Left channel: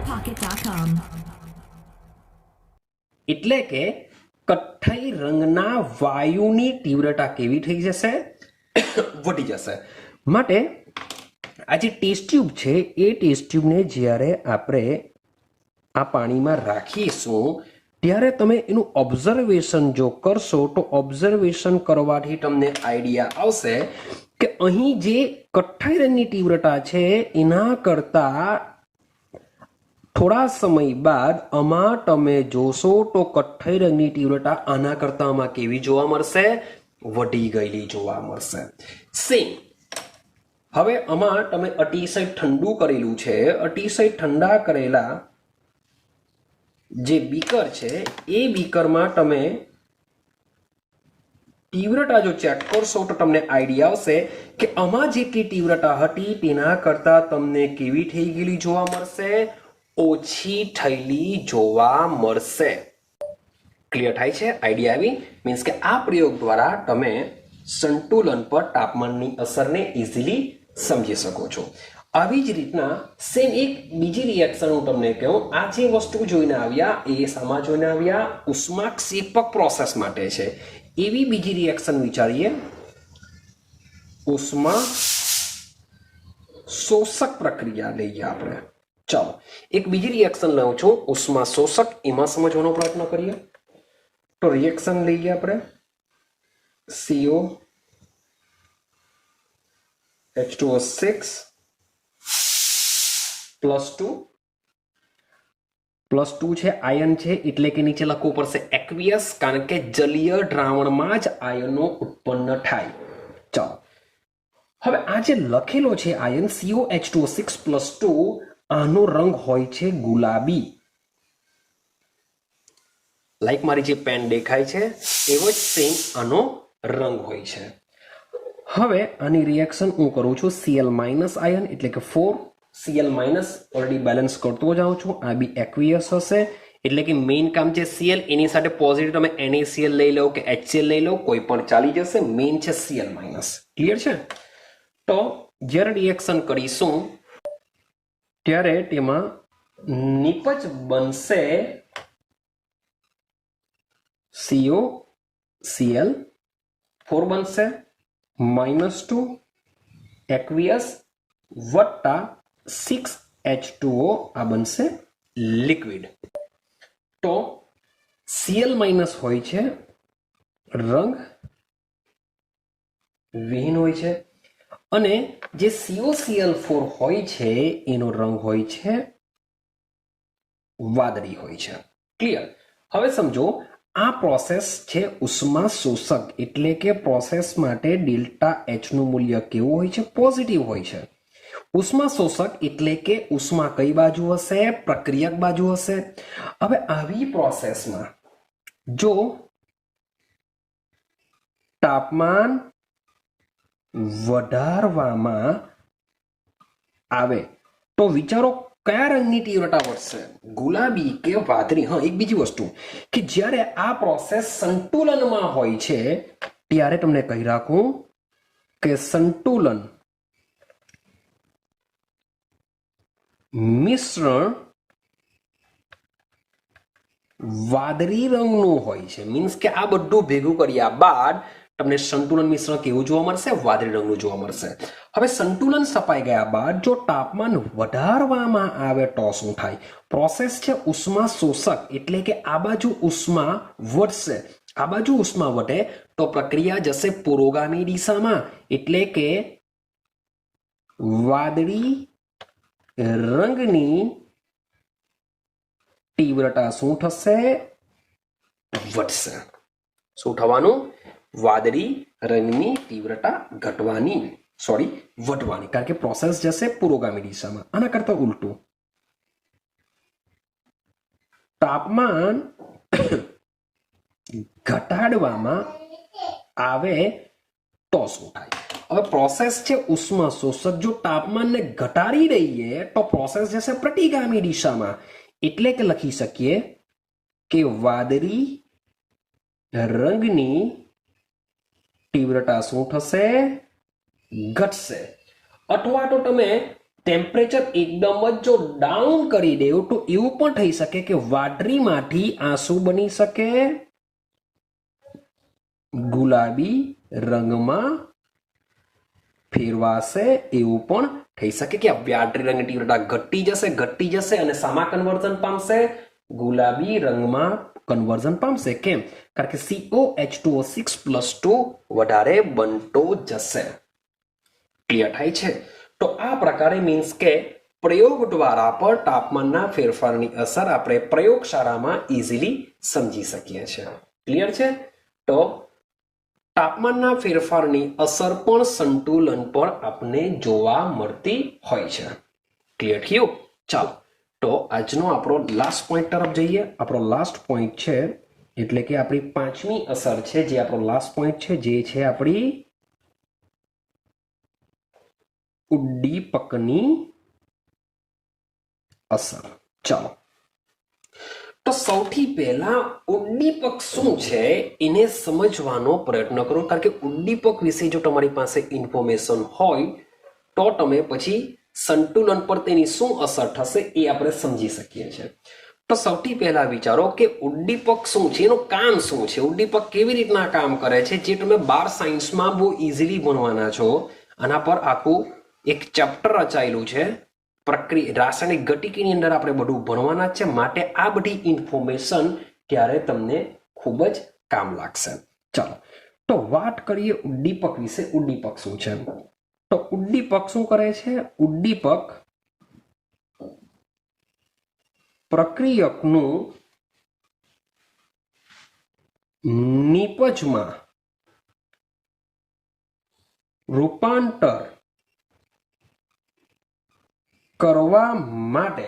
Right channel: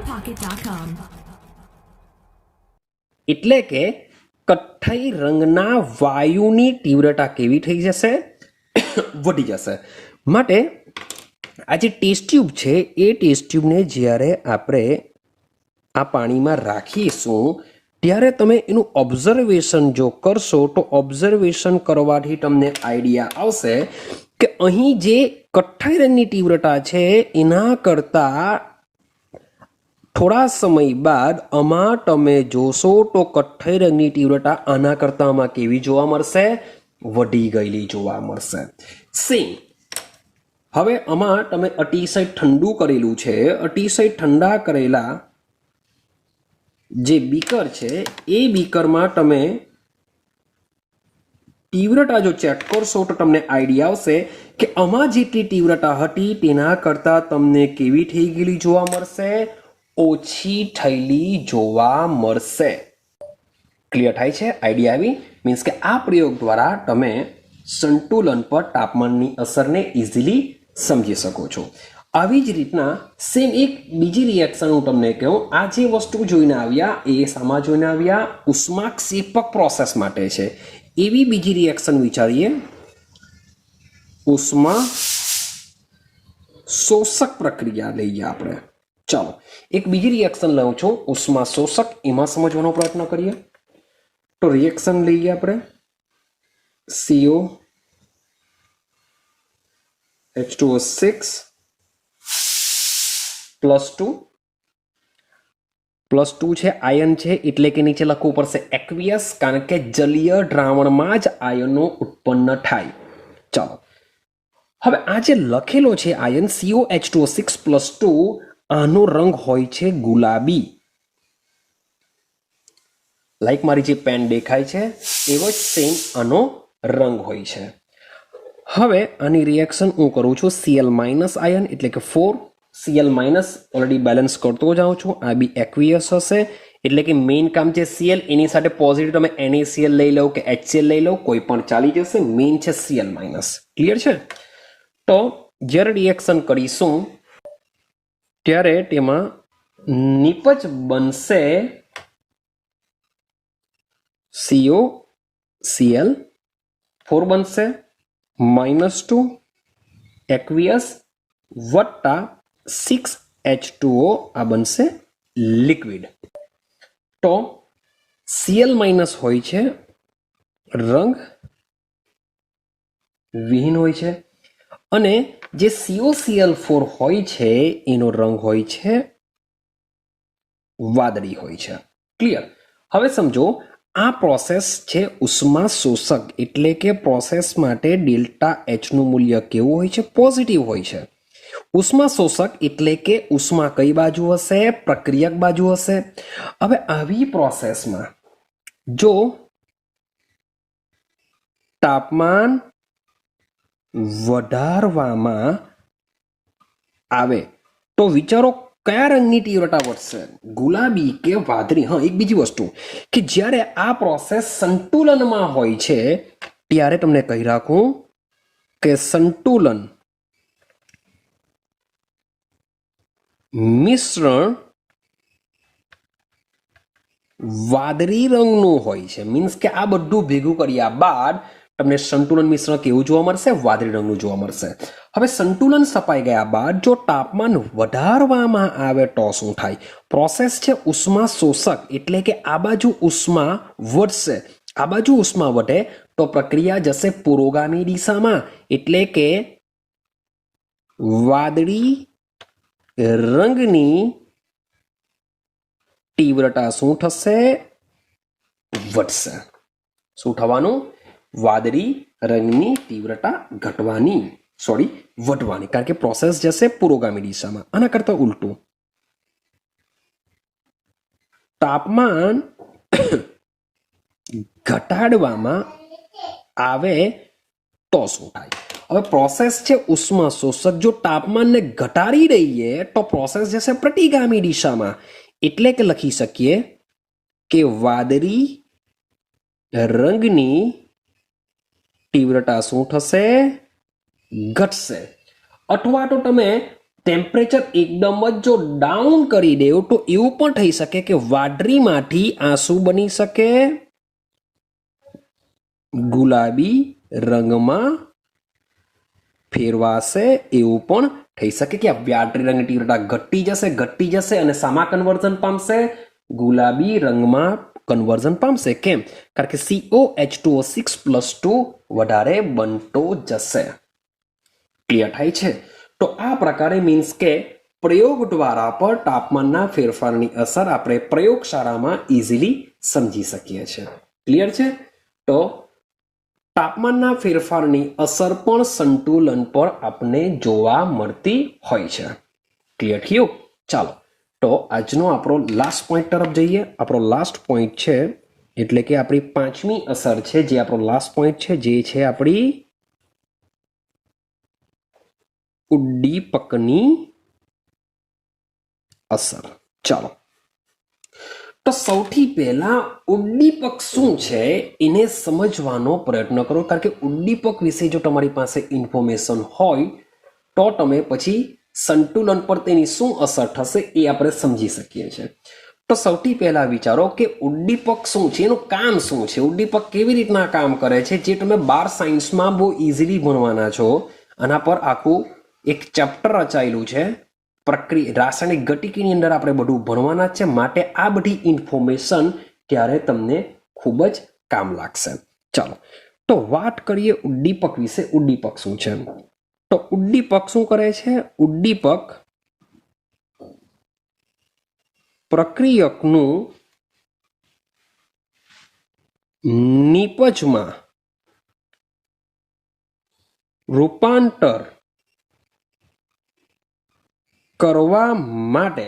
PenPocket.com. એટલે કે કથ્થઈ રંગના વાયુની તીવ્રતા કેવી થઈ જશે? વધી જશે. માટે આ જે ટેસ્ટ ટ્યુબ છે એ ટેસ્ટ ટ્યુબને જ્યારે આપણે આ પાણીમાં રાખીશું ત્યારે તમે એનું ઓબ્ઝર્વેશન જો કરશો તો ઓબ્ઝર્વેશન કરવાથી તમને આઈડિયા આવશે કે અહીં જે કથ્થઈ રંગની તીવ્રતા છે એના કરતાં થોડા સમય બાદ આમાં તમે જોશો તો કથ્થઈ રંગની તીવ્રતા આના કરતાં આમાં કેવી જોવા મળશે? વધી ગયેલી જોવા મળશે. સેમ હવે આમાં તમે અતિશય ઠંડુ કરેલું છે, અતિશય ઠંડા કરેલા જે બીકર છે એ બીકરમાં તમે તીવ્રતા જો ચેક કરશો તો તમને આઈડિયા આવશે કે આમાં જેટલી તીવ્રતા હતી તેના કરતાં તમને કેવી થઈ ગયેલી જોવા મળશે? ઓછી થયેલી જોવા મળશે. ક્લિયર થાય છે? આઈડિયા આવી? મીન્સ કે આ પ્રયોગ દ્વારા તમે સંતુલન પર તાપમાનની અસરને ઇઝીલી સમજી શકો છો. આવી જ રીતના સેમ એક બીજી રિએક્શન હું તમને કહું. આ જે વસ્તુ જોઈને આવ્યા એ શામાં જોઈને આવ્યા? ઉષ્માક્ષેપક પ્રોસેસ માટે છે. એવી બીજી રિએક્શન વિચારીએ, ઉષ્મા શોષક પ્રક્રિયા લઈએ આપણે. ચાલો એક બીજી રિએક્શન લઉં છું, ઉષ્મા શોષક. એમાં સમજવાનો પ્રયત્ન કરીએ તો રિએક્શન લઈએ આપણે CO H2O6 +2 છે, આયન છે એટલે કે નીચે લખવું પડશે એક્વિયસ, કારણ કે જલીય દ્રાવણમાં જ આયનો ઉત્પન્ન થાય. ચાલો હવે આ જે લખેલો છે આયન COH2O6 +2, આનો રંગ હોય છે ગુલાબી. લાઈક મારી જે પેન દેખાય છે એવો જ સેમ આનો રંગ હોય છે. હવે આની રિએક્શન હું કરું છું Cl- આયન એટલે કે 4. Cl- ઓલરેડી બેલેન્સ કરતો જાઉં છું. આ બી એક્વિયસ હશે એટલે કે મેઇન કામ છે Cl, એની સાથે પોઝિટિવ તમે NaCl લઈ લો કે HCl લઈ લો, કોઈ પણ ચાલી જશે. મેઇન છે Cl-. ક્લિયર છે? તો જ્યારે રિએક્શન કરીશું ત્યારે તેમાં નિપજ બનશે COCl4 બનશે, -2 એક્વિયસ વત્તા 6H2O આ બનશે લિક્વિડ. તો Cl- હોય છે રંગ વિહીન હોય છે અને જે COCl4 હોય છે એનો રંગ હોય છે વાદળી હોય છે. ક્લિયર? હવે સમજો આ પ્રોસેસ છે ઉષ્મા શોષક એટલે કે પ્રોસેસ માટે ડેલ્ટા H નું મૂલ્ય કેવું હોય છે? પોઝિટિવ હોય છે. ઉષ્મા શોષક એટલે કે ઉષ્મા કઈ બાજુ હશે? પ્રક્રિયક બાજુ હશે. હવે આવી પ્રોસેસમાં જો તાપમાન વધારવામાં આવે તો વિચારો કયા રંગની તીવ્રતા વધશે? ગુલાબી કે વાદળી? હા, એક બીજી વસ્તુ કે જ્યારે આ પ્રોસેસ સંતુલનમાં હોય છે ત્યારે તમને કહી રાખું કે સંતુલન મિશ્રણ વાદળી રંગનું હોય છે. મીન્સ કે આ બધું ભેગું કર્યા બાદ તમને સંતુલન મિશ્રણ કેવું જોવા મળશે? વાદળી રંગનું જોવા મળશે. હવે સંતુલન સપાઈ ગયા બાદ જો તાપમાન વધારવામાં આવે તો શું થાય? પ્રોસેસ છે ઉષ્મા શોષક એટલે કે આ બાજુ ઉષ્મા વધશે. આ બાજુ ઉષ્મા વધે તો પ્રક્રિયા જશે પુરોગામી દિશામાં એટલે કે વાદળી રંગની તીવ્રતા શું થશે? વધશે. શું થવાનું? વાદળી રંગની તીવ્રતા ઘટવાની, વધવાની, કારણ કે પ્રોસેસ જશે પુરોગામી દિશામાં. આના કરતા ઉલટું, તાપમાન ઘટાડવામાં આવે તો શું થાય? હવે પ્રોસેસ છે ઉષ્મા શોષક, જો તાપમાનને ઘટાડી દઈએ તો પ્રોસેસ જશે પ્રતિગામી દિશામાં એટલે કે લખી શકીએ કે વાદળી રંગની તીવ્રતા શું થશે? ઘટશે. અથવા તો તમે ટેમ્પરેચર એકદમ જ જો ડાઉન કરી દેવું તો એવું પણ થઈ શકે કે વાદળીમાંથી આંસુ બની શકે ગુલાબી રંગમાં ફેરવાશે, એવું પણ થઈ શકે કે આ વાદળી રંગની તીવ્રતા ઘટી જશે અને શામાં કન્વર્ઝન પામશે? ગુલાબી રંગમાં કન્વર્ઝન પામશે. કેમ? કારણ કે COH2O6+2 વધારે બનતો જશે. ક્લિયર થાય છે? તો આ પ્રકારે મીન્સ કે પ્રયોગ દ્વારા પર તાપમાનના ફેરફારની અસર આપણે પ્રયોગશાળામાં ઇઝીલી સમજી શકીએ છીએ. ક્લિયર છે? તો તાપમાનના ફેરફારની અસર પણ સંતુલન પર આપણે જોવા મળતી હોય છે. ક્લિયર થયું? ચાલો, તો આજનો આપણો લાસ્ટ પોઈન્ટ તરફ જઈએ. આપણો લાસ્ટ પોઈન્ટ છે એટલે કે આપણી પાંચમી અસર છે, જે આપણો લાસ્ટ પોઈન્ટ છે, જે છે આપણી ઉદ્દીપકની અસર. ચાલો, તો સૌથી પહેલા ઉદ્દીપક શું છે એને સમજવાનો પ્રયત્ન કરો, કારણ કે ઉદ્દીપક વિશે જો તમારી પાસે ઇન્ફોર્મેશન હોય તો તમે પછી સંતુલન પર તેની શું અસર થશે એ આપણે સમજી શકીએ છીએ. તો સૌથી પહેલા વિચારો કે ઉદ્દીપક શું છે, એનું કામ શું છે, ઉદ્દીપક કેવી રીતના કામ કરે છે, જે તમે 12 સાયન્સમાં બહુ ઇઝીલી ભણવાના છો. આના પર આખું એક ચેપ્ટર રચાયેલું છે. રાસાયણિક ગતિકીની અંદર આપણે બધું ભણવાના છે, માટે આ બધી ઇન્ફોર્મેશન ત્યારે તમને ખૂબ જ કામ લાગશે. ચાલો, તો વાત કરીએ ઉદ્દીપક વિશે. ઉદ્દીપક શું છે? તો ઉદ્દીપક શું કરે છે? ઉદ્દીપક પ્રક્રિયકનું નિપજમાં રૂપાંતર કરવા માટે,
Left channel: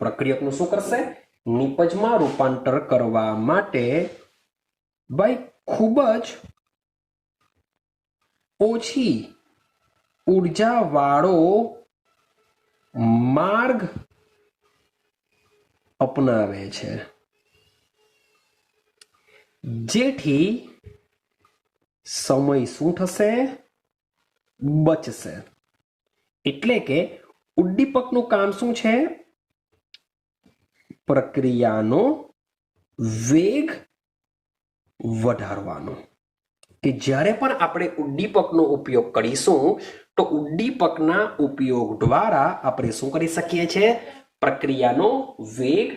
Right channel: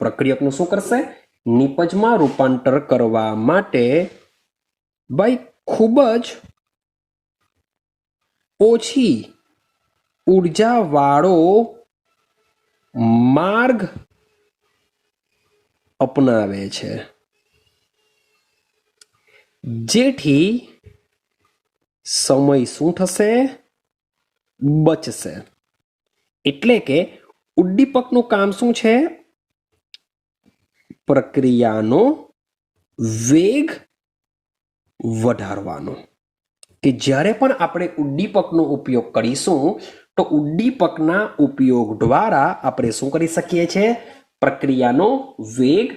પ્રક્રિયકનું શું કરશે? નિપજમાં રૂપાંતર કરવા માટે ભાઈ ખૂબ જ ઓછી ઉર્જાવાળો માર્ગ અપનાવે છે, જેથી સમય શું થશે? બચશે. એટલે કે ઉદ્દીપકનું કામ શું છે? પ્રક્રિયાનો વેગ વધારવાનો. કે જ્યારે પણ આપણે ઉદ્દીપકનો ઉપયોગ કરીશું તો ઉદ્દીપકના ઉપયોગ દ્વારા આપણે શું કરી શકીએ છીએ? પ્રક્રિયાનો વેગ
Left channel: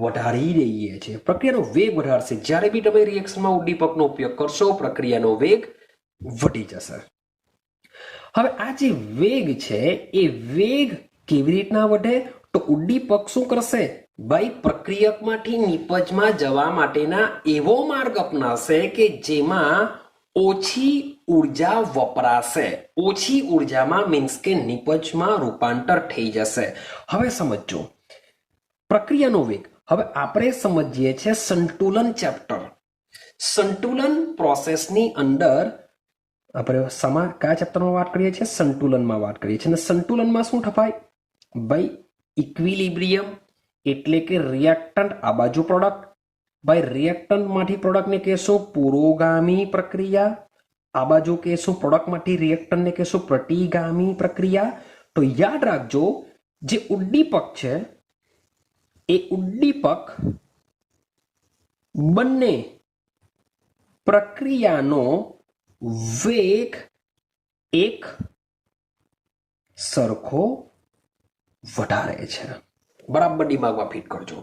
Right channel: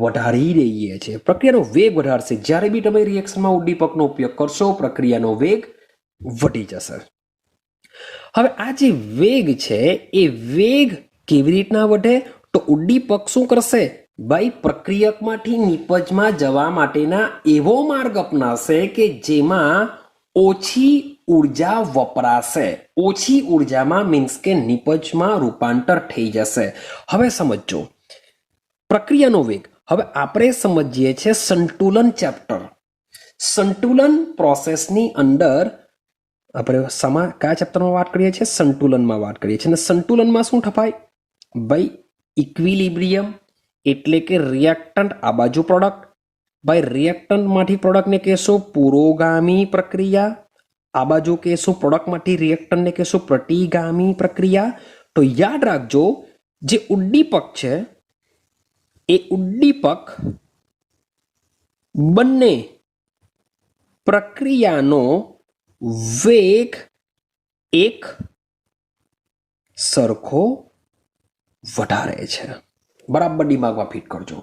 વધારી દઈએ છીએ. પ્રક્રિયાનો વેગ વધારશે. જ્યારે બી તમે રિએક્શનમાં ઉદ્દીપકનો ઉપયોગ કરશો, પ્રક્રિયાનો વેગ વધી જશે. હવે આ જે વેગ છે એ વેગ કેવી રીતના વધે? તો ઉદ્દીપક શું કરશે? ભાઈ પ્રક્રિયકમાંથી નિપજમાં જવા માટેના એવો માર્ગ અપનાવશે કે જેમાં ઓછી ઉર્જા વપરાશે. ઓછી ઉર્જામાં મીન્સ કે નિપજમાં રૂપાંતર થઈ જશે. હવે સમજો પ્રક્રિયાનો વેગ. હવે આપણે સમજીએ છીએ સંતુલન ચેપ્ટર. સંતુલન પ્રોસેસની અંદર આપણે કયા ચેપ્ટરમાં વાત કરીએ છીએ? સંતુલનમાં વાત કરીએ છીએ. અને સંતુલનમાં શું થપાય? ભાઈ ઇક્વિલિબ્રિયમ એટલે કે રિએક્ટન્ટ આ બાજુ પ્રોડક્ટ. ભાઈ રિએક્ટન્ટમાંથી પ્રોડક્ટને કહેશો પુરોગામી પ્રક્રિયા. આ બાજુ કહેશું પ્રોડક્ટમાંથી રિએક્ટન્ટને કહેશું પ્રતિગામી પ્રક્રિયા. તો યાદ રાખજો, જે ઉદ્દીપક છે એ ઉદ્દીપક બંને પ્રક્રિયાનો વેગ એક સરખો વધારે છે. બરાબર દિમાગમાં ફિટ કરજો.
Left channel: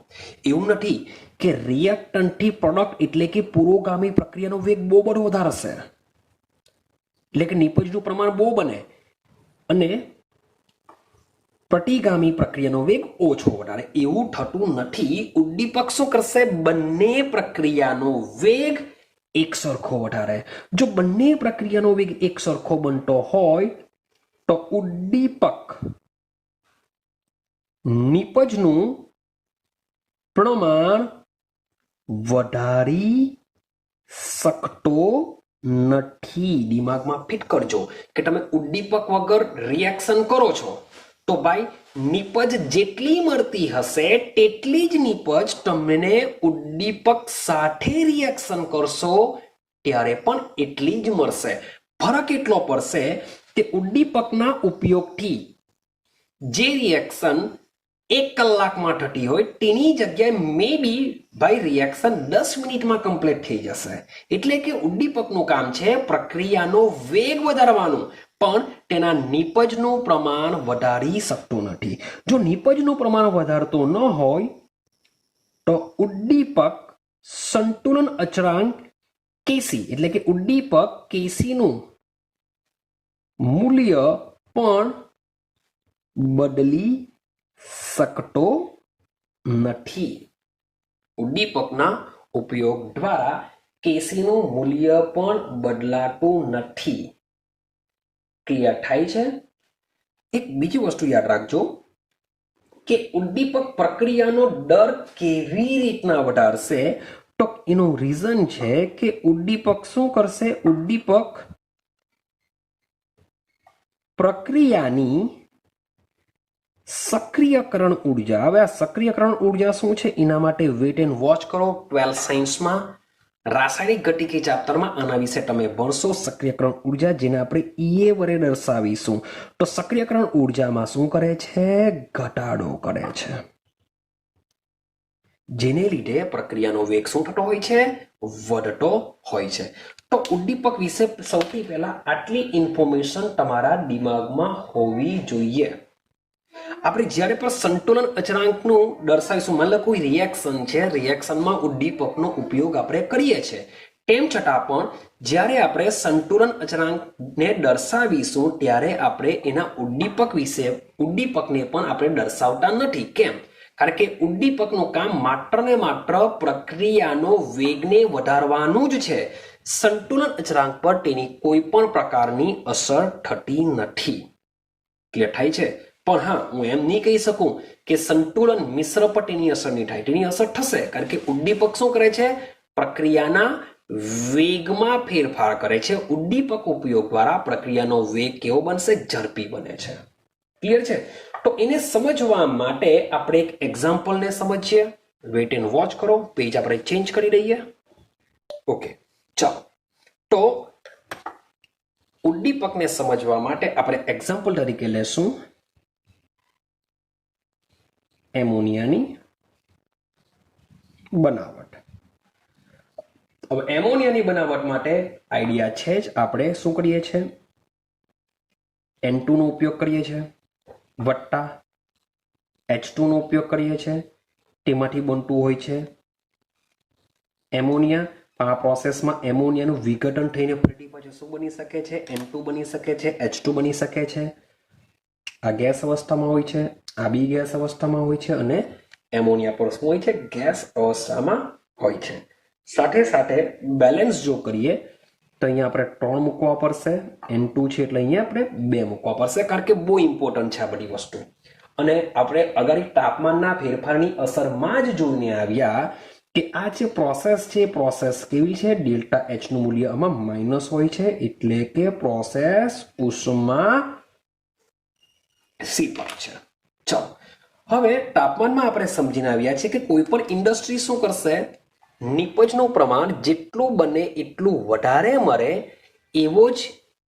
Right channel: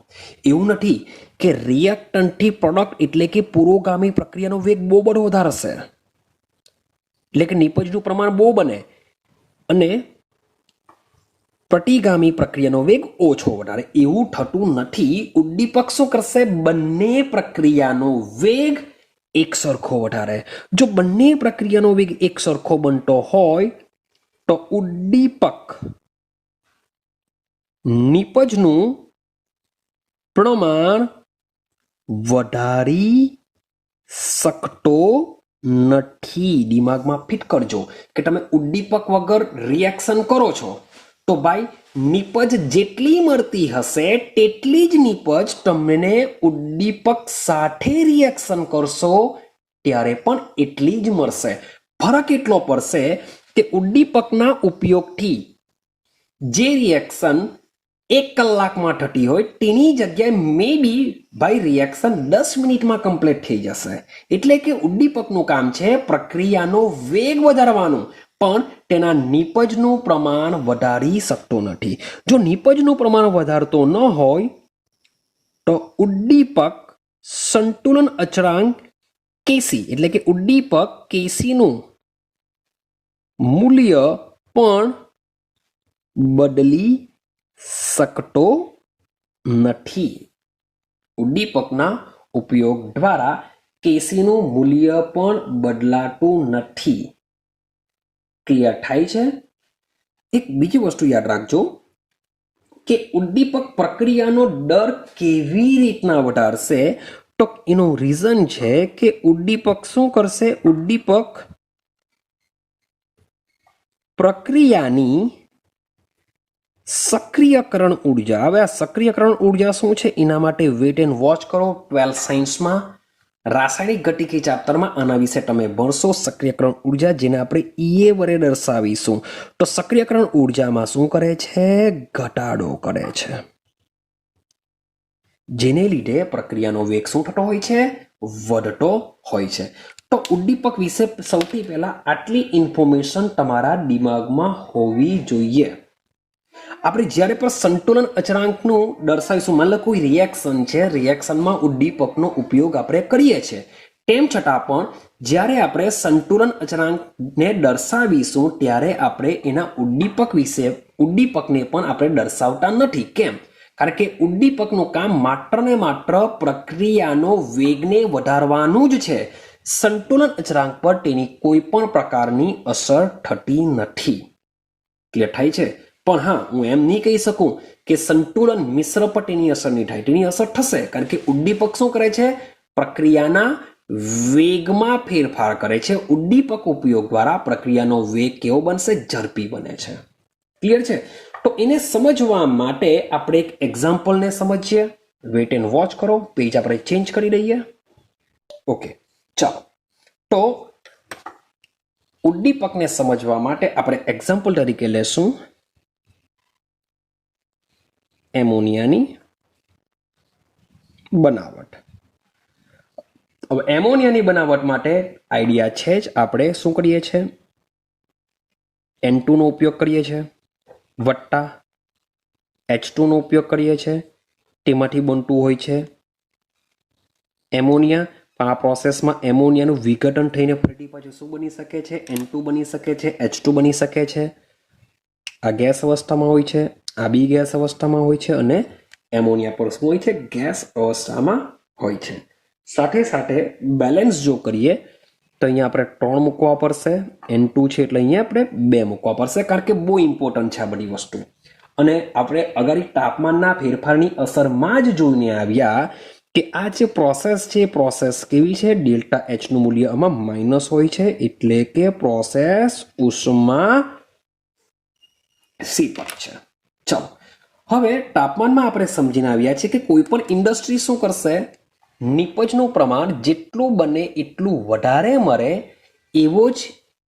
એવું નથી કે રિએક્ટન્ટથી પ્રોડક્ટ એટલે કે પુરોગામી પ્રક્રિયાનો વેગ બહુ બધો વધારશે, એટલે કે નિપજનું પ્રમાણ બહુ બને, અને પ્રતિગામી પ્રક્રિયાનો વેગ ઓછો વધારે. એવું થતું નથી. ઉદ્દીપક શું કરશે? બંને પ્રક્રિયાનો વેગ એક સરખો વધારે. જો બંને પ્રક્રિયાનો વેગ એક સરખો બનતો હોય તો ઉદ્દીપક નિપજનું પ્રમાણ વધારી શકતો નથી. દિમાગમાં ફિટ કરજો કે તમે ઉદ્દીપક વગર રિએક્શન કરો છો તો ભાઈ નિપજ જેટલી મળતી હશે તેટલી જ નિપજ તમને ઉદ્દીપક સાથે રિએક્શન કરશો ત્યારે પણ એટલી જ મળશે. ફરક એટલો પડશે કે ઉદ્દીપકના ઉપયોગથી જે રિએક્શન 1 કલાકમાં થતી હોય તેની જગ્યાએ મે બી ભાઈ રિએક્શન 10 મિનિટમાં કમ્પ્લીટ થઈ જશે. એટલે કે ઉદ્દીપકનું કામ છે પ્રક્રિયાનો વેગ વધારવાનો, પણ તેના નિપજનું પ્રમાણ વધારી શકતો નથી. જો નિપજનું પ્રમાણ વધારતો ન હોય તો ઉદ્દીપક સંતુલન અચળાંક કેસી એટલે કે ઉદ્દીપક કેસીનું મૂલ્ય પણ બદલી શકતો નથી. ઉદ્દીપકના ઉપયોગ દ્વારા કેસીનું મૂલ્ય પણ બદલાતું નથી. ક્લિયર થાય છે? એક બીજી વસ્તુ યાદ રાખજો કે ઉદ્દીપક પ્રક્રિયાનો દર કેવી રીતના વધારશે, તો એનું રીઝન છે કે ઉદ્દીપક શું કરશે? ઉદ્દીપક પ્રક્રિયાની સક્રિયકરણ ઉર્જા. હવે આ સક્રિયકરણ ઉર્જા શું છે એના માટે વેટ એન્ડ વોચ કરો. 12th સાયન્સમાં રાસાયણિક ગતિકી ચેપ્ટરમાં આના વિશે તમે ભણશો. સક્રિયકરણ ઉર્જા જેને આપણે ઈએ વડે દર્શાવીશું. તો સક્રિયકરણ ઉર્જામાં શું કરે છે? ઘટાડો કરે છે, જેને લીધે પ્રક્રિયાનો વેગ શું થતો હોય છે? વધતો હોય છે. તો ઉદ્દીપક વિશે સૌથી પહેલા આટલી ઇન્ફોર્મેશન તમારા દિમાગમાં હોવી જોઈએ. આપણે જ્યારે પણ સંતુલન અચળાંકનું દર્શાવીશું, માની લો કોઈ રિએક્શન છે, રિએક્શનમાં ઉદ્દીપકનો ઉપયોગ આપણે કરીએ છીએ, તેમ છતાં પણ જ્યારે આપણે સંતુલન અચળાંકને દર્શાવીશું ત્યારે આપણે એના ઉદ્દીપકને પણ આપણે દર્શાવતા નથી. કેમ? કારણ કે ઉદ્દીપકનું કામ માત્ર ને માત્ર પ્રક્રિયાનો વેગને વધારવાનું જ છે. સંતુલન અચળાંક પર તેની કોઈ પણ પ્રકારની અસર થતી નથી. ક્લિયર થાય છે? પણ હા, હું એમ નહીં કહી શકું કે સંતુલન મિશ્ર પર તેની અસર નહીં થાય. તેની અસર થશે, કારણ કે ઉદ્દીપક શું કરે છે? પ્રક્રિયાના વેગમાં ફેરફાર કરે છે. ઉદ્દીપક ઉપયોગ દ્વારા પ્રક્રિયાનો વેગ કેવો બનશે? ઝડપી બને છે. ક્લિયર છે? તો એને સમજવા માટે આપણે એક એક્ઝામ્પલને સમજીએ. વેટ એન્ડ વોચ કરો. પેજ આપણે ચેન્જ કરી દઈએ. ઓકે, ચાલો. તો ઉદ્દીપકને સમજવા માટે આપણે એક્ઝામ્પલ તરીકે લેશું એમોનિયાની બનાવટ. હવે એમોનિયાની બનાવટ માટે આઈડિયા છે જ. આપણે શું કરીએ છીએ? N2 નો ઉપયોગ કરીએ છીએ વત્તા H2 નો ઉપયોગ કરીએ છીએ. તેમાંથી બનતું હોય છે એમોનિયા. આ પ્રોસેસમાં એમોનિયાનું વિઘટન થઈને ફરી પાછું શું બની શકે છે? N2 બની શકે છે, H2 બની શકે છે. આ ગેસ અવસ્થામાં હોય છે, આ બી ગેસ અવસ્થામાં હોય છે, અને એમોનિયા પર શું હોય છે? ગેસ અવસ્થામાં હોય છે. સાથે સાથે બેલેન્સ જો કરીએ તો અહીંયા આપણે 3 મૂકવા પડશે. N2 છે એટલે અહીંયા આપણે 2 મૂકવા પડશે, કારણ કે બહુ ઇમ્પોર્ટન્ટ છે આ બધી વસ્તુ. અને આપણે અગાડી તાપમાનના ફેરફારની અસરમાં જ જોઈને આવ્યા કે આ જે પ્રોસેસ છે, પ્રોસેસ કેવી છે? ડેલ્ટા એચ નું મૂલ્ય આમાં માઇનસ હોય છે, એટલે કે પ્રોસેસ ઉષ્મા સીપક છે. ચાલો, હવે તાપમાનમાં આપણે સમજીને આવ્યા છે કે કોઈ પણ ઇન્ડસ્ટ્રી શું કરશે? નિપજનું પ્રમાણ જેટલું બને એટલું વધારે મળે એવો જ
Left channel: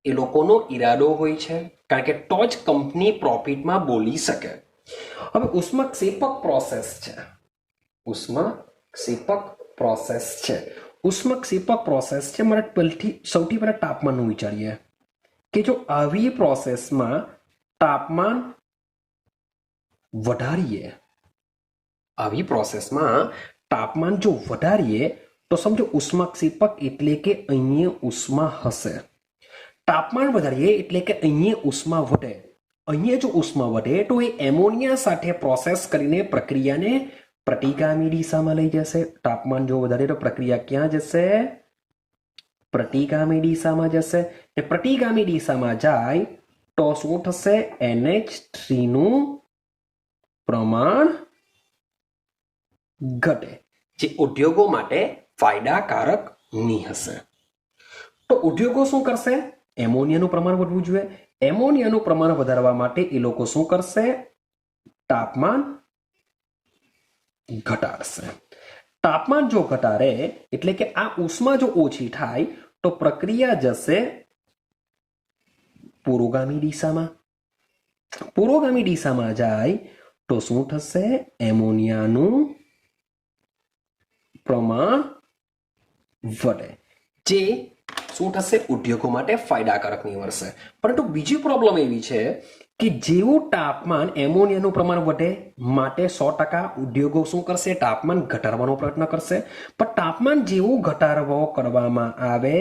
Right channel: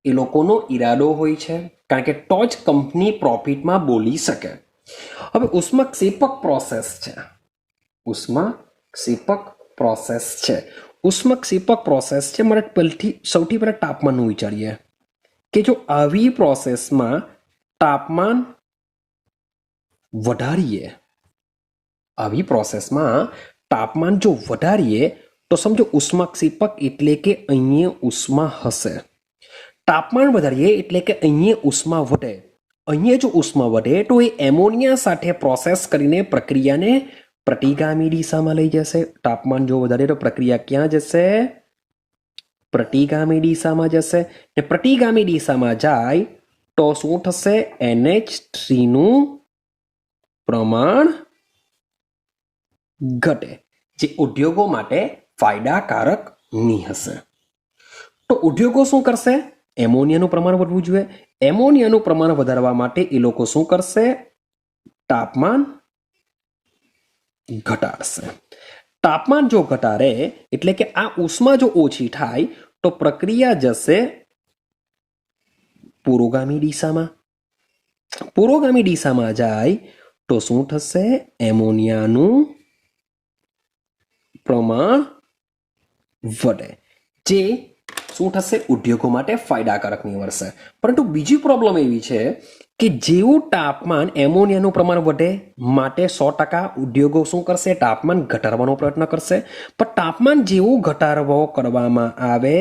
એ લોકોનો ઈરાદો હોય છે, કારણ કે તો જ કંપની પ્રોફિટમાં બોલી શકે. હવે ઉષ્માક્ષેપક પ્રોસેસ છે. ઉષ્માક્ષેપક પ્રોસેસ છે. ઉષ્માક્ષેપક પ્રોસેસ છે. મારે સૌથી પહેલા તાપમાનનું વિચારીએ કે જો આવી પ્રોસેસમાં તાપમાન વધારીએ, આવી પ્રોસેસમાં તાપમાન જો વધારીએ તો સમજો ઉષ્માક્ષેપક એટલે કે અહીંયા ઉષ્મા હશે. તાપમાન વધારીએ એટલે કે અહીંયા ઉષ્મા વધે. અહીંયા જો ઉષ્મા વધે તો એ એમોનિયા સાથે પ્રોસેસ કરીને પ્રક્રિયાને પ્રતિગામી દિશામાં લઈ જશે. તાપમાન જો વધારે તો પ્રક્રિયા ક્યાં જશે? પ્રતિગામી દિશામાં જશે. ને પ્રતિગામી દિશામાં જાય તો શું થશે? NH3 નું પ્રમાણ ઘટે, જે ઉદ્યોગો માટે ફાયદાકારક નહીં હશે. તો ઉદ્યોગો શું કરશે? એમોનિયાનું પ્રમાણ વધવું જોઈએ. એમોનિયાનું પ્રમાણ વધારવા માટે એ લોકો શું કરશે? તાપમાન ઘટાડશે. તાપમાન જો ઘટાડે એટલે કે આ ઉષ્મા જો ઓછી થાય તો પ્રક્રિયા જશે પુરોગામી દિશામાં. પુરોગામી દિશામાં જાય તો શું થશે? એમોનિયાનું પ્રમાણ વધે, જે શું થશે? ઉદ્યોગો માટે ફાયદાકારક નીવડશે. પરંતુ બીજી પ્રોબ્લેમ એવી છે કે જેવું તાપમાન એમોનિયાનું પ્રમાણ વધે માટે 100% ઉદ્યોગો શું કરશે? તાપમાન ઘટાડવાનો પ્રયત્ન કરશે. પણ તાપમાન જેવું ઘટાડવો કરવામાં આવે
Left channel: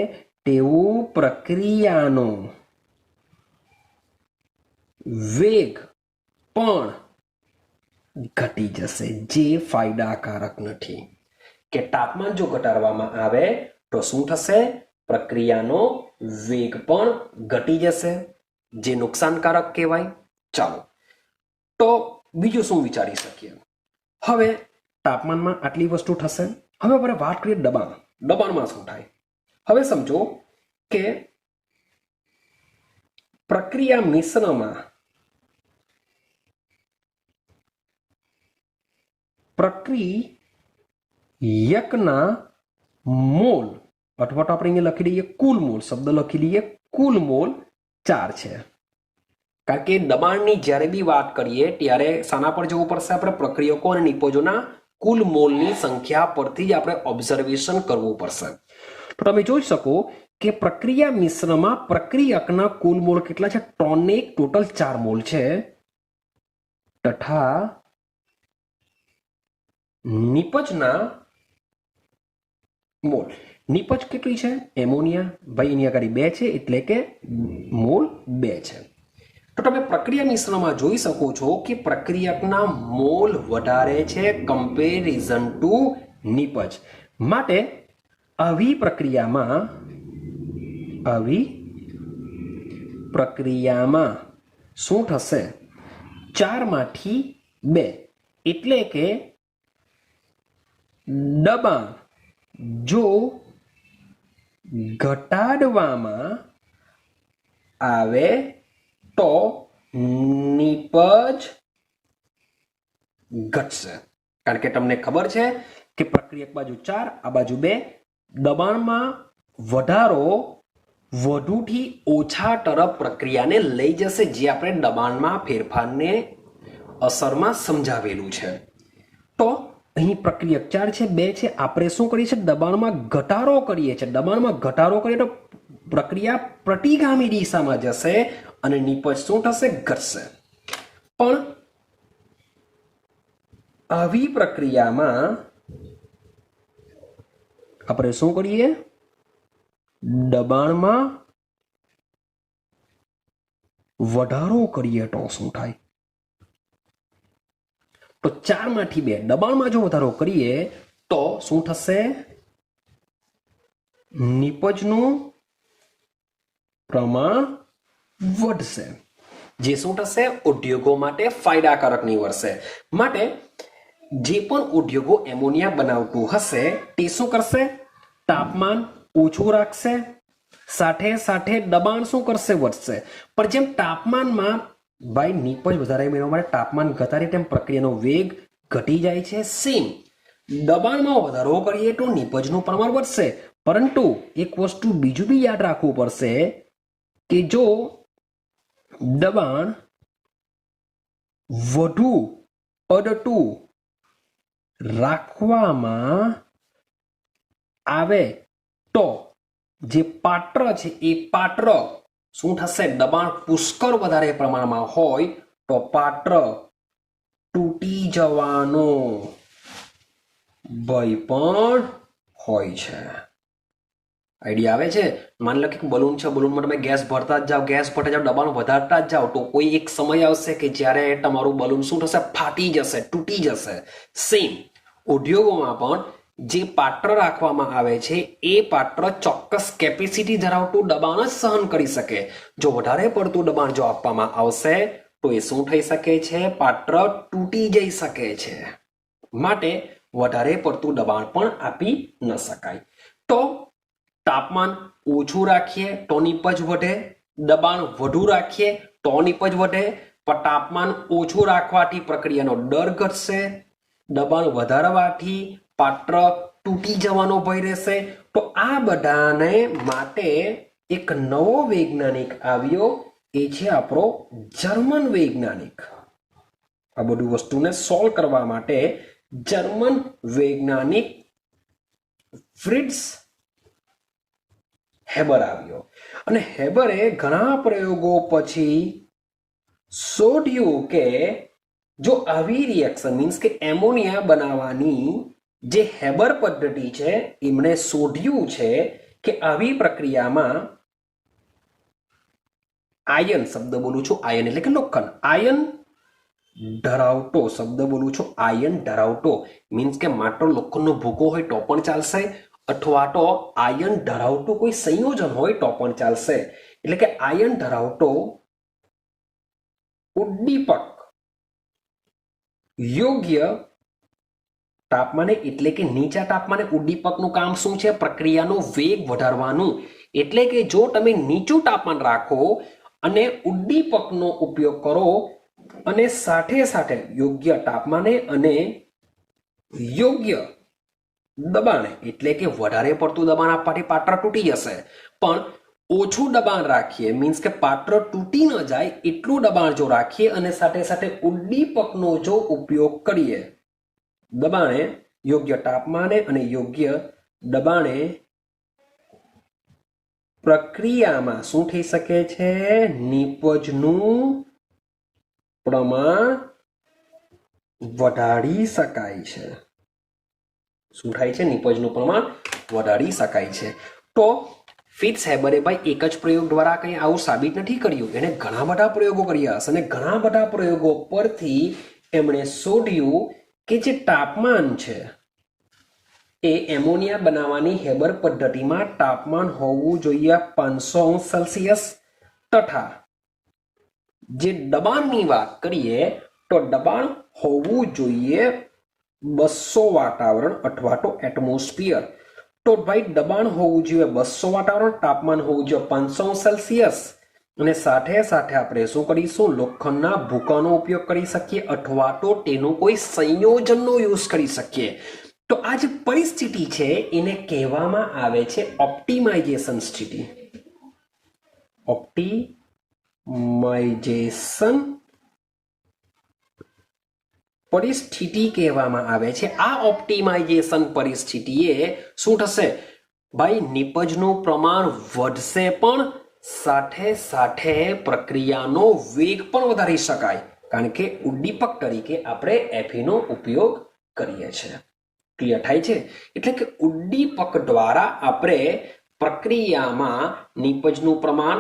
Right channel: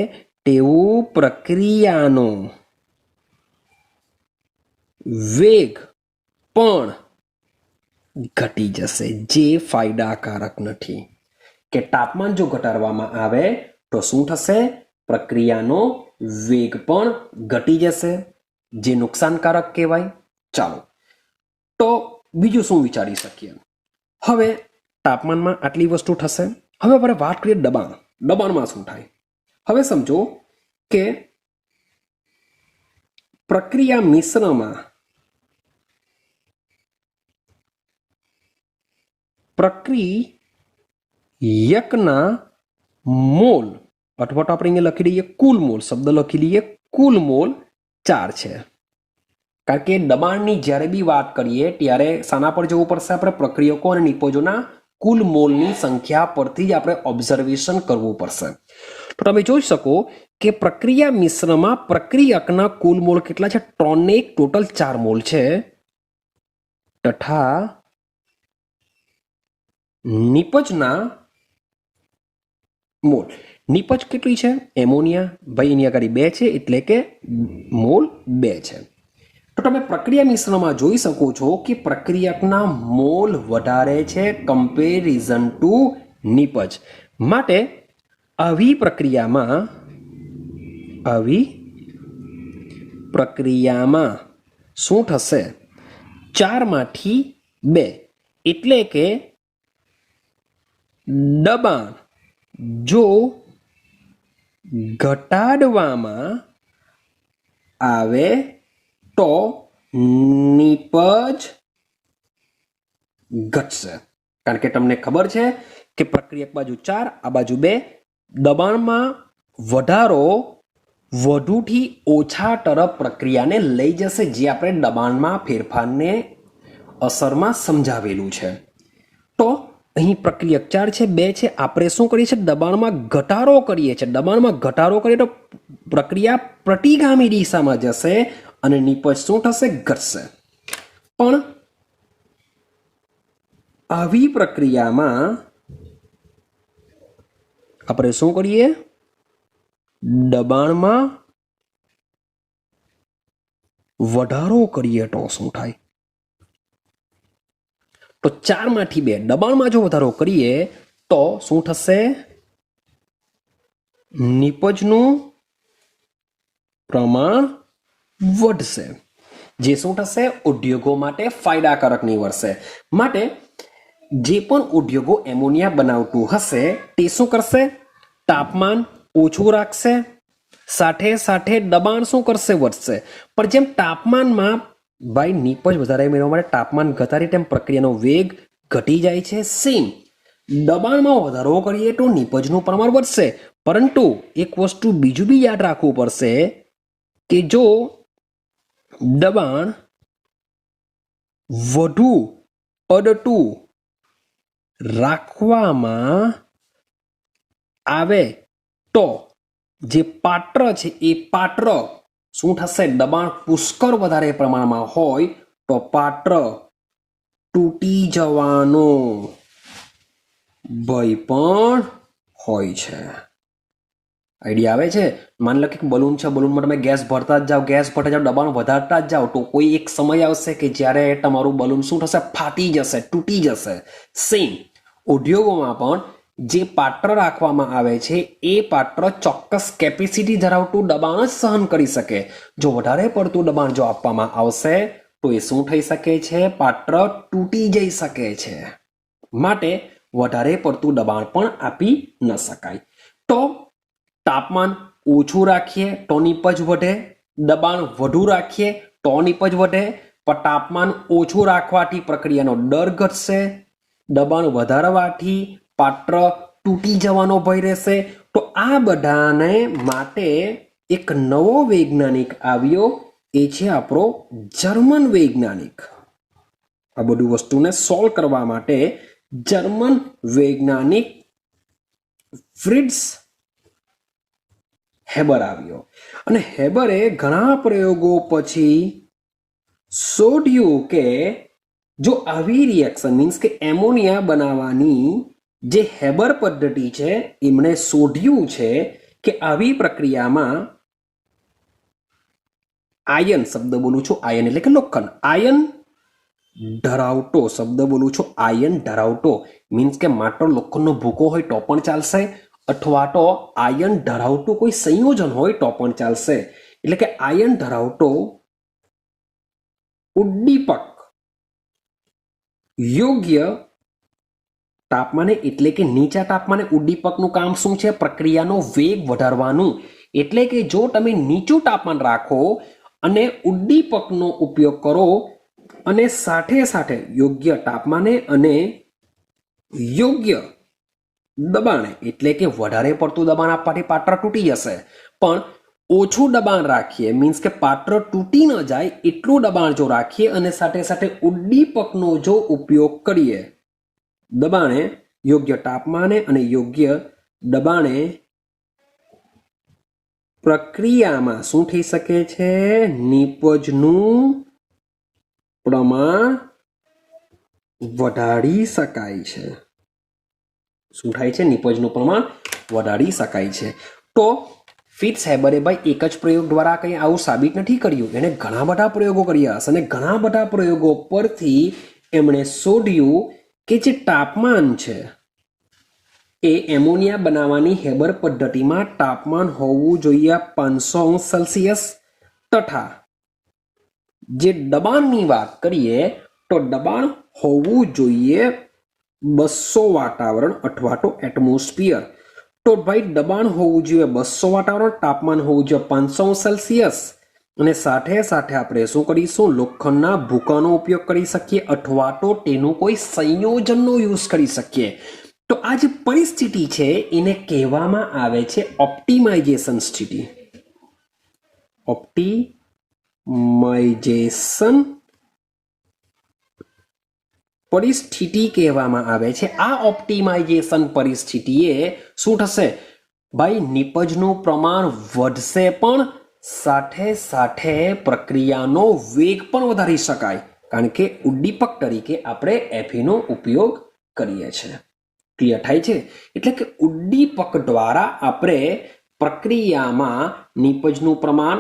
તેવું પ્રક્રિયાનો વેગ પણ ઘટી જશે, જે ફાયદાકારક નથી. કે તાપમાન જો ઘટાડવામાં આવે તો શું થશે? પ્રક્રિયાનો વેગ પણ ઘટી જશે, જે નુકસાનકારક કહેવાય. ચાલો, તો બીજું શું વિચારી શકીએ? હવે તાપમાનમાં આટલી વસ્તુ થશે. હવે આપણે વાત કરીએ દબાણ. દબાણમાં શું થાય? હવે સમજો કે પ્રક્રિયા મિશ્રમાં પ્રક્રિયકના મોલ, અથવા તો આપણે અહીંયા લખી દઈએ કુલ મોલ, શબ્દ લખી દઈએ કુલ મોલ 4 છે. કારણ કે દબાણની જ્યારે બી વાત કરીએ ત્યારે શાના પર જવું પડશે? આપણે પ્રક્રિયકો અને નિપજોના કુલ મોલની સંખ્યા પરથી જ આપણે ઓબ્ઝર્વેશન કરવું પડશે. તો તમે જોઈ શકો કે પ્રક્રિયા મિશ્રમાં પ્રક્રિયકના કુલ મોલ કેટલા છે? 3 ને 1 ટોટલ 4 મોલ છે. તથા નિપજના મોલ, નિપજ કેટલી છે? એમોનિયા, ભાઈ એની આગળ 2 છે એટલે કે મોલ 2 છે. તો તમે પ્રક્રિયા મિશ્રણમાં જોઈ શકો છો કે પ્રક્રિયકના મોલ વધારે છે કમ્પેરિઝન ટુ નિપજ. માટે આવી પ્રક્રિયામાં શું થશે? 4 માંથી 2, એટલે કે દબાણ જો ઘટાડવામાં આવે તો નિપજ ઘટશે. કારણ કે તમને ખબર છે કે પ્રક્રિયક બાજુ 4, આ બાજુ 2. દબાણમાં વધારો વધુથી ઓછા તરફ પ્રક્રિયાને લઈ જશે, જે આપણે દબાણમાં ફેરફારને અસરમાં સમજાવેલું છે. તો અહીં પ્રક્રિયક 4 છે, 2 છે. આપણે શું કરીએ છીએ? દબાણમાં ઘટાડો કરીએ છીએ. દબાણમાં ઘટાડો કરીએ તો પ્રક્રિયા પ્રતિગામી દિશામાં જશે અને નિપજ શું થશે? ઘટશે. પણ આવી પ્રક્રિયામાં આપણે શું કરીએ? દબાણમાં વધારો કરીએ તો શું થાય? તો 4 માંથી 2, દબાણમાં જો વધારો કરીએ તો શું થશે? નિપજનું પ્રમાણ વધશે, જે શું થશે? ઉદ્યોગો માટે ફાયદાકારક નીવડશે. માટે જે પણ ઉદ્યોગો એમોનિયા બનાવતું હશે તે શું કરશે? તાપમાન ઓછું રાખશે, સાથે સાથે દબાણ શું કરશે? વધશે. પણ જેમ તાપમાનમાં ભાઈ નિપજ વધારે મેળવવા માટે તાપમાન ઘટાડે તેમ પ્રક્રિયાનો વેગ ઘટી જાય છે. સેમ દબાણમાં વધારો કરીએ તો નિપજનું પ્રમાણ વધશે. પરંતુ એક વસ્તુ બીજું બી યાદ રાખવું પડશે કે જો દબાણ વધુ પડતું રાખવામાં આવે તો જે પાત્ર છે એ પાત્ર શું થશે? દબાણ પુષ્કળ વધારે પ્રમાણમાં હોય તો પાત્ર તૂટી જવાનો ભય પણ હોય છે. આઈડિયા આવે છે? માની લો કે બલૂન છે, બલૂનમાં તમે ગેસ ભરતા જ જાઓ, ગેસ ભરતા જાઓ, દબાણ વધારતા જ જાઓ, તો કોઈ એક સમય આવશે કે જ્યારે તમારું બલૂન શું થશે? ફાટી જશે, તૂટી જશે. સેમ ઉદ્યોગોમાં પણ જે પાત્ર રાખવામાં આવે છે એ પાત્ર ચોક્કસ કેપેસિટી ધરાવતું દબાણ જ સહન કરી શકે. જો વધારે પડતું દબાણ જો આપવામાં આવશે તો એ શું થઈ શકે છે? પાત્ર તૂટી જઈ શકે છે. માટે વધારે પડતું દબાણ પણ આપી ન શકાય. તો તાપમાન ઓછું રાખીએ તો નિપજ વધે, દબાણ વધુ રાખીએ તો નિપજ વધે. પણ તાપમાન ઓછું રાખવાથી પ્રક્રિયાનો દર ઘટશે, દબાણ વધારવાથી પાત્ર તૂટી જવાનો ભય રહેશે. તો આ બધાને માટે એક નવો વૈજ્ઞાનિક આવ્યો એ છે આપણો જર્મન વૈજ્ઞાનિક. આ બધી વસ્તુને સોલ્વ કરવા માટે જર્મન વૈજ્ઞાનિક ફ્રિટ્ઝ હેબર આવ્યો અને હેબરે ઘણા પ્રયોગો પછી શોધ્યું કે જો આવી રિએક્શન મીન્સ કે એમોનિયા બનાવવાની જે હેબર પદ્ધતિ છે એમણે શોધ્યું છે કે આવી પ્રક્રિયામાં આયન શબ્દ બોલું છું, આયન એટલે કે લોખંડ, આયન ધરાવતો શબ્દ બોલું છું, આયન ધરાવતો મીન્સ કે માત્ર લોખંડનો ભૂકો હોય તો પણ ચાલશે અથવા તો આયન ધરાવતું કોઈ સંયોજન હોય તો પણ ચાલશે. એટલે કે આયન ધરાવતો ઉદ્દીપક યોગ્ય તાપમાને એટલે કે નીચા તાપમાને ઉદ્દીપકનું કામ શું છે? પ્રક્રિયાનો વેગ વધારવાનું. એટલે કે જો તમે નીચું તાપમાન રાખો અને ઉદ્દીપકનો ઉપયોગ કરો અને સાથે સાથે યોગ્ય તાપમાને અને યોગ્ય દબાણે એટલે કે વધારે પડતું દબાણ આપવાથી પાત્ર તૂટી જશે, પણ ઓછું દબાણ રાખીએ મીન્સ કે પાત્ર તૂટી ન જાય એટલું દબાણ જો રાખીએ અને સાથે સાથે ઉદ્દીપકનો જો ઉપયોગ કરીએ દબાણે, યોગ્ય તાપમાને અને યોગ્ય દબાણે, પ્રક્રિયામાં શું થઈ શકે છે? નિપજનું પ્રમાણ વધારી શકાય છે. શું થાય છે? નિપજનું પ્રમાણ વધારી શકાય છે. તો ફ્રિટ્ઝ હેબરે ભાઈ એક જ પ્રયોગ દ્વારા કંઈ આવું સાબિત નથી કર્યું, એને ઘણા બધા પ્રયોગો કર્યા હશે અને ઘણા બધા પ્રયોગો પરથી એમણે શોધ્યું કે જે તાપમાન છે એ એમોનિયા બનાવવાની હેબર પદ્ધતિમાં તાપમાન હોવું જોઈએ 500°C તથા જે દબાણની વાત કરીએ તો દબાણ હોવું જોઈએ 200 વાતાવરણ અથવા તો એટમોસ્ફિયર. તો ભાઈ દબાણ હોવું જોઈએ 200 વાતાવરણ, તાપમાન હોવું જોઈએ 500°C અને સાથે સાથે આપણે શું કરીશું? લોખંડના ભૂકાનો ઉપયોગ કરી શકીએ અથવા તો તેનું કોઈ સંયોજનનો યુઝ કરી શકીએ. તો આ જે પરિસ્થિતિ છે એને કહેવામાં આવે છે ઓપ્ટિમાઇઝેશન સ્થિતિ. ઓપ્ટિમાઇઝેશન પરિસ્થિતિ કહેવામાં આવે છે. આ ઓપ્ટિમાઇઝેશન પરિસ્થિતિએ શું થશે? ભાઈ નિપજનું પ્રમાણ વધશે પણ સાથે સાથે પ્રક્રિયાનો વેગ પણ વધારી શકાય, કારણ કે ઉદ્દીપક તરીકે આપણે Fe નો ઉપયોગ કરીએ છીએ. ક્લિયર થાય છે? એટલે કે ઉદ્દીપક દ્વારા આપણે પ્રક્રિયામાં નિપજનું પ્રમાણ,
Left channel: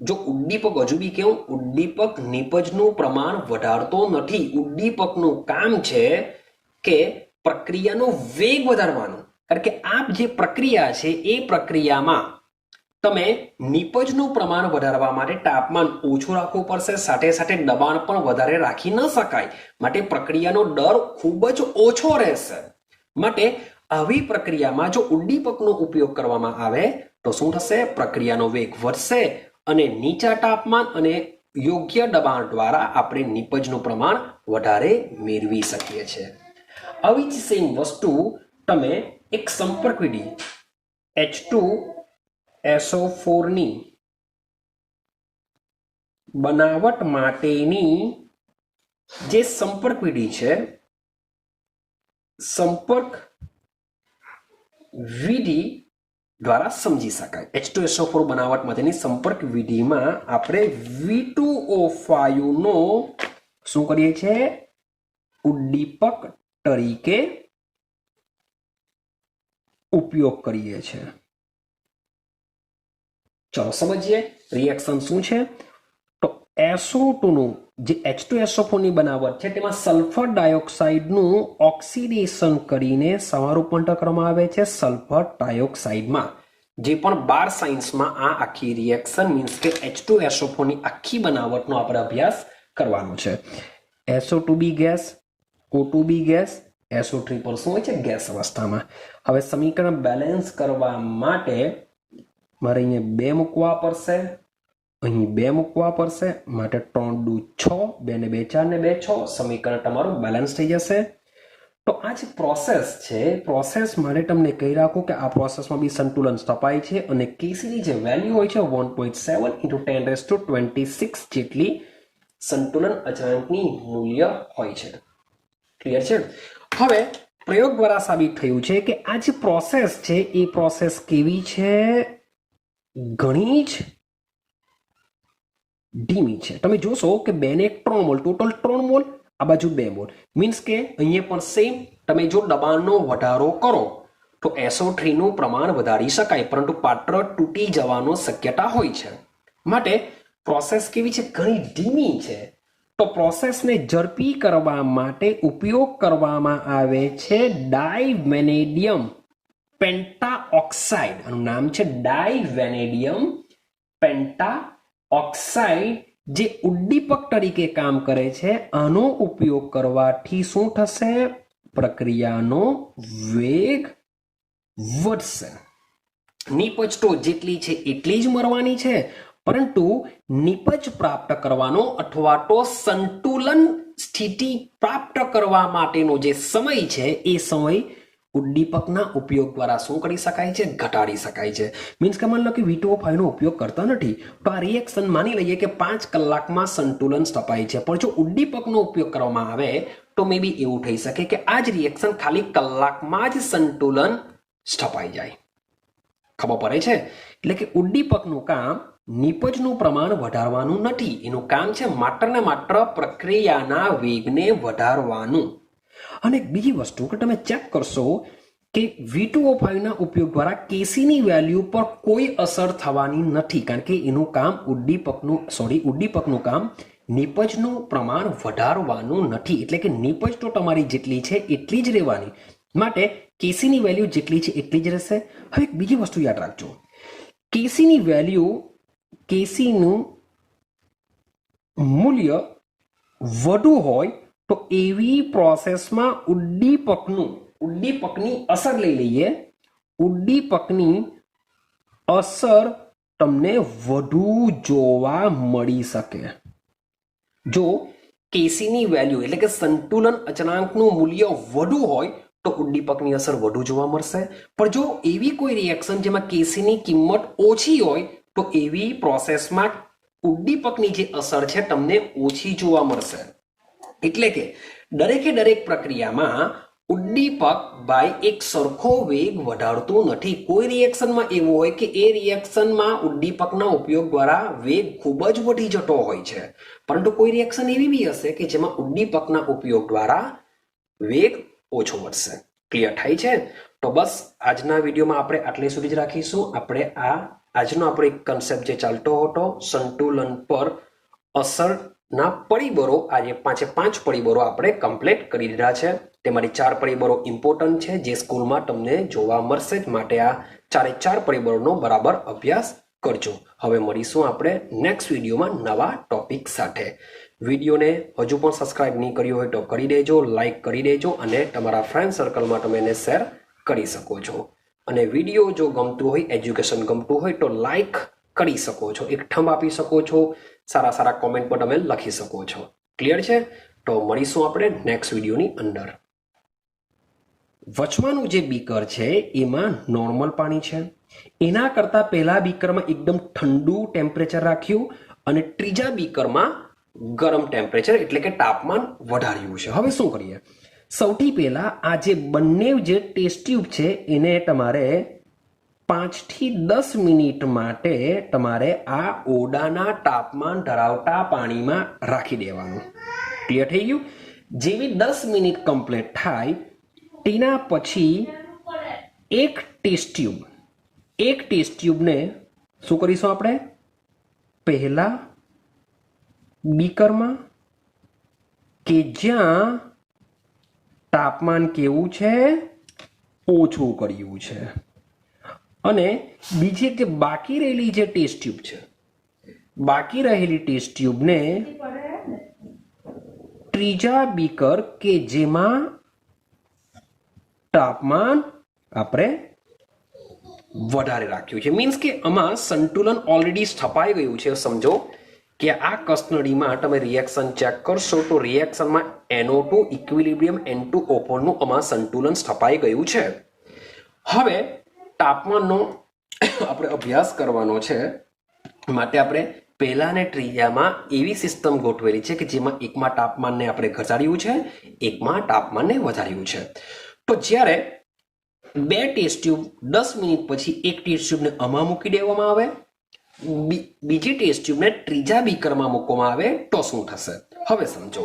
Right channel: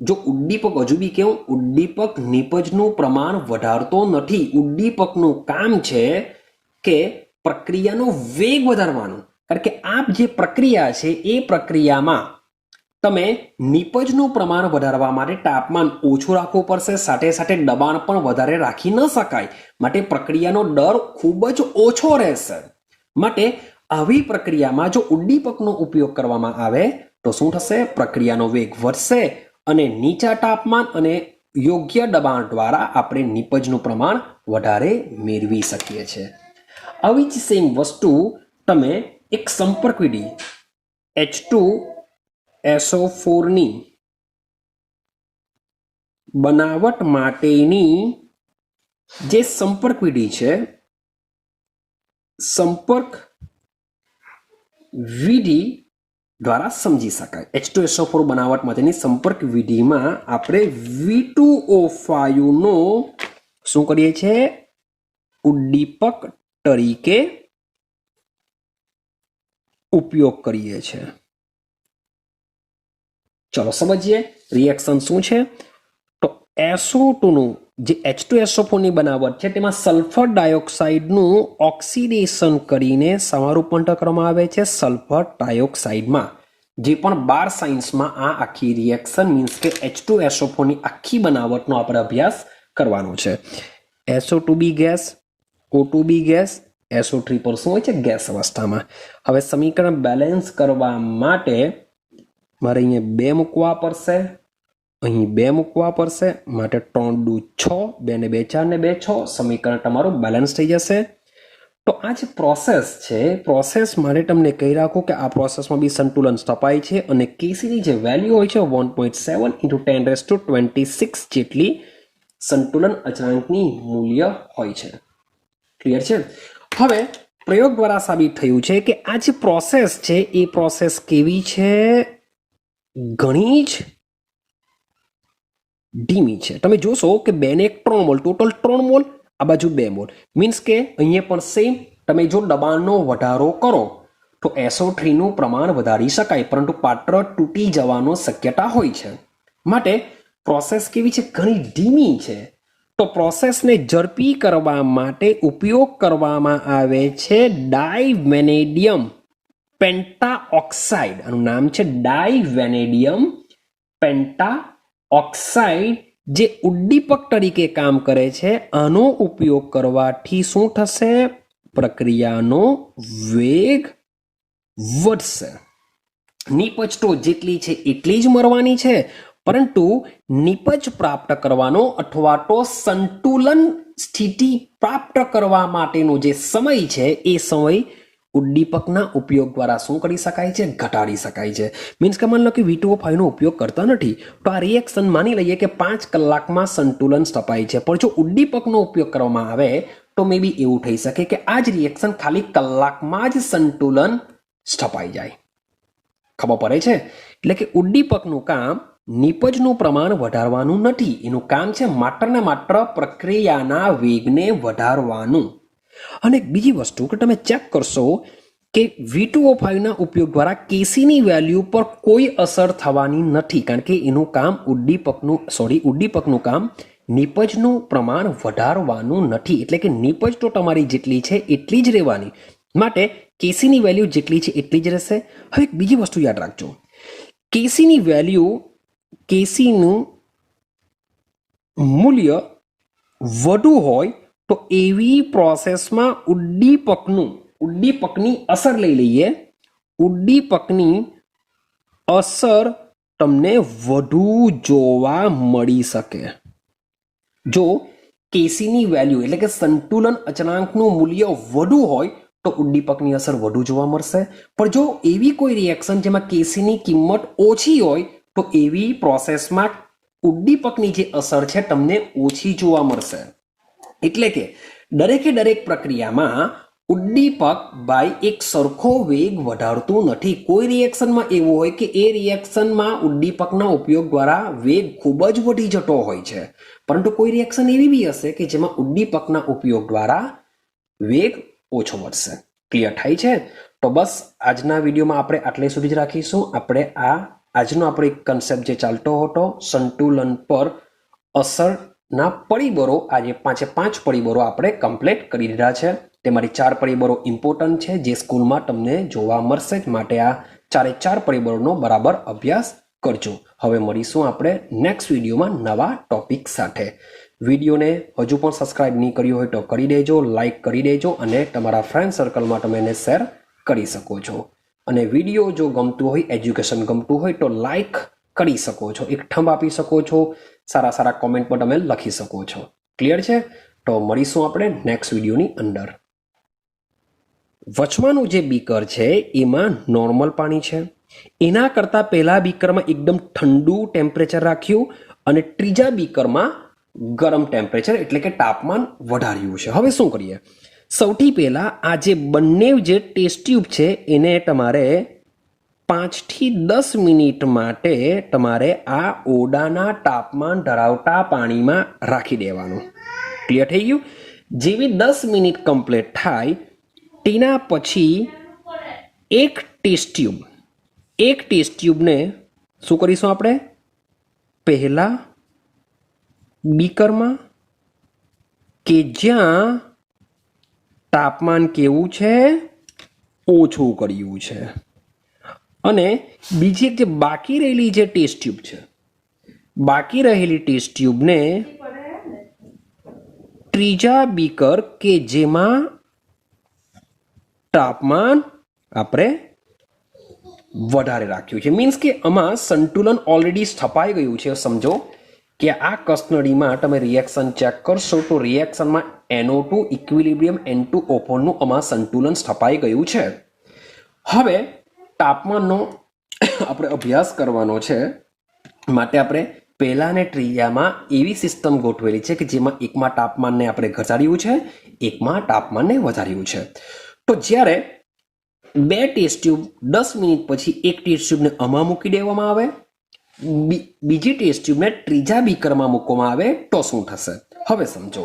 જો ઉદ્દીપક હજુ બી કેવું, ઉદ્દીપક નિપજનું પ્રમાણ વધારતો નથી. ઉદ્દીપકનું કામ છે કે પ્રક્રિયાનો વેગ વધારવાનો, કારણ કે આ જે પ્રક્રિયા છે એ પ્રક્રિયામાં તમે નિપજનું પ્રમાણ વધારવા માટે તાપમાન ઓછું રાખવું પડશે, સાથે સાથે દબાણ પણ વધારે રાખી ન શકાય, માટે પ્રક્રિયાનો દર ખૂબ જ ઓછો રહેશે. માટે આવી પ્રક્રિયામાં જો ઉદ્દીપકનો ઉપયોગ કરવામાં આવે તો શું થશે? પ્રક્રિયાનો વેગ વધશે અને નીચા તાપમાન અને યોગ્ય દબાણ દ્વારા આપણે નિપજનું પ્રમાણ વધારે મેળવી શકીએ છીએ. આવી જ સેમ વસ્તુ તમે એક સંપર્ક વિધિ H2SO4 ની બનાવટ માટેની જે સંપર્ક વિધિ છે, સંપર્ક વિધિ દ્વારા સમજી શકાય. H2SO4 બનાવટ માટેની સંપર્ક વિધિમાં આપણે V2O5 નો શું કરીએ છીએ? ઉદ્દીપક તરીકે ઉપયોગ કરીએ છીએ. ચલો સમજીએ રિએક્શન શું છે. તો SO2 નું જે H2SO4 ની બનાવટ છે તેમાં સલ્ફર ડાયોક્સાઇડનું ઓક્સિડેશન કરીને સમારૂપાંતર કરવામાં આવે છે સલ્ફર ડાયોક્સાઇડમાં. જે પણ 12 સાયન્સમાં આ આખી રિએક્શન મીન્સ કે H2SO4 ની આખી બનાવટનો આપણે અભ્યાસ કરવાનો છે. SO2B gas, O2B gas, SO3 પર શું હોય છે? ગેસ અવસ્થામાં. હવે સમીકરણ બેલેન્સ કરવા માટે મારે અહીંયા 2 મૂકવા પડશે, અહીં 2 મૂકવા પડશે, માટે 3 દુ 6, 2 ને 2 4 ને 2 6. સમીકરણ તમારું બેલેન્સ થઈ જશે. તો આ જે પ્રોસેસ છે, પ્રોસેસ માટે તમને કહી રાખો કે આ પ્રોસેસમાં બી સંતુલન સ્થપાય છે અને કેસીની જે વેલ્યુ હોય છે 1.7 × 10⁻26 જેટલી સંતુલન અચળાંકની મૂલ્ય હોય છે. ક્લિયર છે? હવે પ્રયોગ દ્વારા સાબિત થયું છે કે આ જે પ્રોસેસ છે એ પ્રોસેસ કેવી છે? ઘણી જ ધીમી છે. તમે જોશો કે 2 ને 3 મોલ, ટોટલ 3 મોલ, આ બાજુ 2 મોલ. મીન્સ કે અહીંયા પણ સેમ. તમે જો દબાણનો વધારો કરો તો SO3 નું પ્રમાણ વધારી શકાય, પરંતુ પાત્ર તૂટી જવાનો શક્યતા હોય છે. માટે પ્રોસેસ કેવી છે? ઘણી ધીમી છે. તો પ્રોસેસને ઝડપી કરવા માટે ઉપયોગ કરવામાં આવે છે ડાયવેનેડિયમ પેન્ટાઓક્સાઇડ. આનું નામ છે ડાયવેનેડિયમ પેન્ટાઓક્સાઇડ, જે ઉદ્દીપક તરીકે કામ કરે છે. આનો ઉપયોગ કરવાથી શું થશે? પ્રક્રિયાનો વેગ વધશે. નિપજ તો જેટલી છે એટલી જ મળવાની છે, પરંતુ નિપજ પ્રાપ્ત કરવાનો અથવા તો સંતુલન સ્થિતિ પ્રાપ્ત કરવા માટેનો જે સમય છે એ સમય ઉદ્દીપકના ઉપયોગ દ્વારા શું કરી શકાય છે? ઘટાડી શકાય છે. મીન્સ કે માની લો કે V2O5 નો ઉપયોગ કરતા નથી, તો આ રિએક્શન માની લઈએ કે 5 કલાકમાં સંતુલન સ્થપાય છે. પણ જો ઉદ્દીપકનો ઉપયોગ કરવામાં આવે તો મે બી એવું થઈ શકે કે આ જ રિએક્શન ખાલી કલાકમાં જ સંતુલન સ્થપાઈ જાય. ખબર પડે છે? એટલે કે ઉદ્દીપકનું કામ નિપજનું પ્રમાણ વધારવાનું નથી. એનું કામ છે માત્ર ને માત્ર પ્રક્રિયાના વેગને વધારવાનું. અને બીજી વસ્તુ કે તમે ચેક કરશો કે V2O5 ના ઉપયોગ દ્વારા કેસીની વેલ્યુ પર કોઈ અસર થવાની નથી, કારણ કે એનું કામ ઉદ્દીપકનું કામ નિપજનું પ્રમાણ વધારવાનું નથી. એટલે કે નિપજ તો તમારી જેટલી છે એટલી જ રહેવાની. માટે કેસીની વેલ્યુ જેટલી છે એટલી જ રહેશે. હવે એક બીજી વસ્તુ યાદ રાખજો, કેસીની વેલ્યુ, કેસીનું મૂલ્ય વધુ હોય તો એવી પ્રોસેસમાં ઉદ્દીપકની અસર લઈ લઈએ, ઉદ્દીપકની અસર તમને વધુ જોવા મળી શકે. જો કેસીની વેલ્યુ એટલે કે સંતુલન અચળાંકનું મૂલ્ય વધુ હોય તો ઉદ્દીપકની અસર વધુ જોવા મળશે. પણ જો એવી કોઈ રિએક્શન જેમાં કેસીની કિંમત ઓછી હોય તો એવી પ્રોસેસમાં ઉદ્દીપકની જે અસર છે તમને ઓછી જોવા મળશે. એટલે કે દરેક પ્રક્રિયામાં ઉદ્દીપક બાય એક સરખો વેગ વધારતું નથી. કોઈ રિએક્શનમાં એવું હોય કે એ રિએક્શનમાં ઉદ્દીપકના ઉપયોગ દ્વારા વેગ ખૂબ જ વધી જતો હોય છે, પરંતુ કોઈ રિએક્શન એવી બી હશે કે જેમાં ઉદ્દીપકના ઉપયોગ દ્વારા વેગ ઓછો વધશે. ક્લિયર થાય છે? તો બસ આજના વિડીયોમાં આપણે આટલે સુધી જ રાખીશું. આપણે આજનો આપણો કન્સેપ્ટ જે ચાલતો હતો સંતુલન પર અસરના પરિબળો, આજે 5 પરિબળો આપણે કમ્પ્લીટ કરી દીધા છે. તેમાંથી 4 પરિબળો ઇમ્પોર્ટન્ટ છે જે સ્કૂલમાં તમને જોવા મળશે જ. માટે આ 4 પરિબળોનો બરાબર અભ્યાસ કરજો. હવે મળીશું આપણે નેક્સ્ટ વિડીયોમાં નવા ટોપિક સાથે. વિડીયોને હજુ પણ સબસ્ક્રાઇબ નહીં કર્યું હોય તો કરી દેજો, લાઈક કરી દેજો અને તમારા ફ્રેન્ડ સર્કલમાં તમે એને શેર કરી શકો છો. અને વિડીયો જો ગમતું હોય, એજ્યુકેશન ગમતું હોય તો લાઈક કરી શકો છો, એક થંબ આપી શકો છો, સારા કોમેન્ટ પણ તમે લખી શકો છો. ક્લિયર છે? તો મળીશું આપણે નેક્સ્ટ વિડીયોની અંદર. વચમાંનું જે બીકર છે એમાં નોર્મલ પાણી છે. એના કરતાં પહેલા બીકરમાં એકદમ ઠંડુ ટેમ્પરેચર રાખ્યું અને ત્રીજા બીકરમાં ગરમ ટેમ્પરેચર એટલે કે તાપમાન વધાર્યું છે. હવે શું કરીએ? સૌથી પહેલા આ જે બંને જે ટેસ્ટ ટ્યુબ છે એને તમારે 5 થી 10 મિનિટ માટે તમારે આ ઓરડાના તાપમાન ધરાવતા પાણીમાં રાખી દેવાનું. ક્લિયર થઈ ગયું? જેવી 10 મિનિટ કમ્પ્લીટ થાય તેના પછી એક ટેસ્ટ ટ્યુબને શું કરીશું આપણે? પહેલા બીકરમાં કે જ્યાં તાપમાન કેવું છે? ઓછું કર્યું છે. અને બીજી જે બાકી રહેલી જે ટેસ્ટ ટ્યુબ છે, બાકી રહેલી ટેસ્ટ ટ્યુબને ત્રીજા બીકર કે જેમાં તાપમાન આપણે વધારે રાખ્યું છે. મીન્સ કે આમાં સંતુલન ઓલરેડી સ્થપાઈ ગયું છે. સમજો કે આ કસનળીમાં તમે રિએક્શન ચેક કરશો તો રિએક્શનમાં NO2 ઇક્વિલિબ્રિયમ N2O4 નું આમાં સંતુલન સ્થપાઈ ગયું છે. હવે તાપમાનનો આપણે અભ્યાસ કરવાનો છે, માટે આપણે પહેલા અને ત્રીજામાં એવી સિસ્ટમ ગોઠવેલી છે કે જેમાં એકમાં તાપમાનને આપણે ઘટાડ્યું છે, એકમાં તાપમાનને વધાર્યું છે. તો જ્યારે બે ટેસ્ટ ટ્યુબ 10 મિનિટ પછી એક ટેસ્ટ ટ્યુબને આમાં મૂકી દેવામાં આવે, બીજી ટેસ્ટ ટ્યુબને ત્રીજા બીકરમાં મૂકવામાં આવે તો શું થશે? હવે સમજો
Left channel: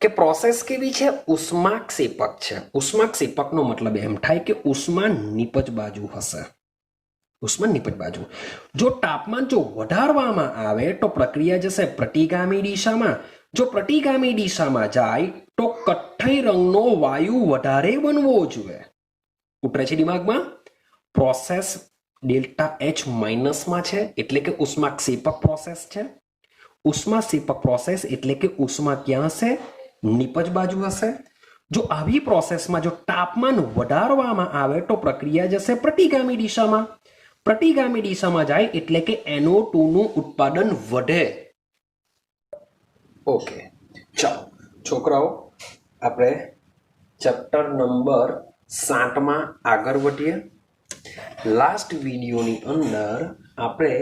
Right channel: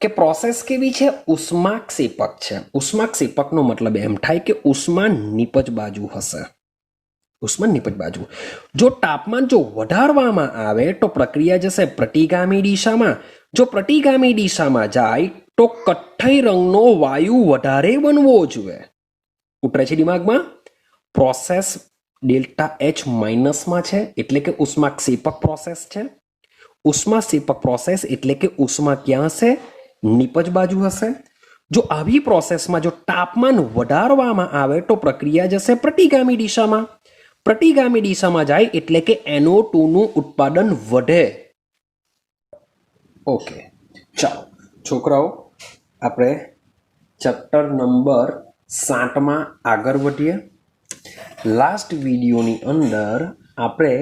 કે પ્રોસેસ કેવી છે? ઉષ્માક્ષેપક છે. ઉષ્માક્ષેપકનો મતલબ એમ થાય કે ઉષ્મા નિપજ બાજુ હશે. ઉષ્મા નિપજ બાજુ. જો તાપમાન જો વધારવામાં આવે તો પ્રક્રિયા જશે પ્રતિગામી દિશામાં. જો પ્રતિગામી દિશામાં જાય તો કથ્થઈ રંગનો વાયુ વધારે બનવો જોઈએ. ઉતરે છે દિમાગમાં? પ્રોસેસ ડેલ્ટા H માઇનસમાં છે એટલે કે ઉષ્માક્ષેપક પ્રોસેસ છે. ઉષ્માક્ષેપક પ્રોસેસ એટલે કે ઉષ્મા ક્યાં હશે? નિપજ બાજુ હશે. જો આવી પ્રોસેસમાં જો તાપમાન વધારવામાં આવે તો પ્રક્રિયા જશે પ્રતિગામી દિશામાં. પ્રતિગામી દિશામાં જાય એટલે કે NO2 નું ઉત્પાદન વધે. ઓકે, ચાલો છોકરાઓ, આપણે ચેપ્ટર નંબર 7માં આગળ વધીએ. લાસ્ટ વિડીયોની અંદર આપણે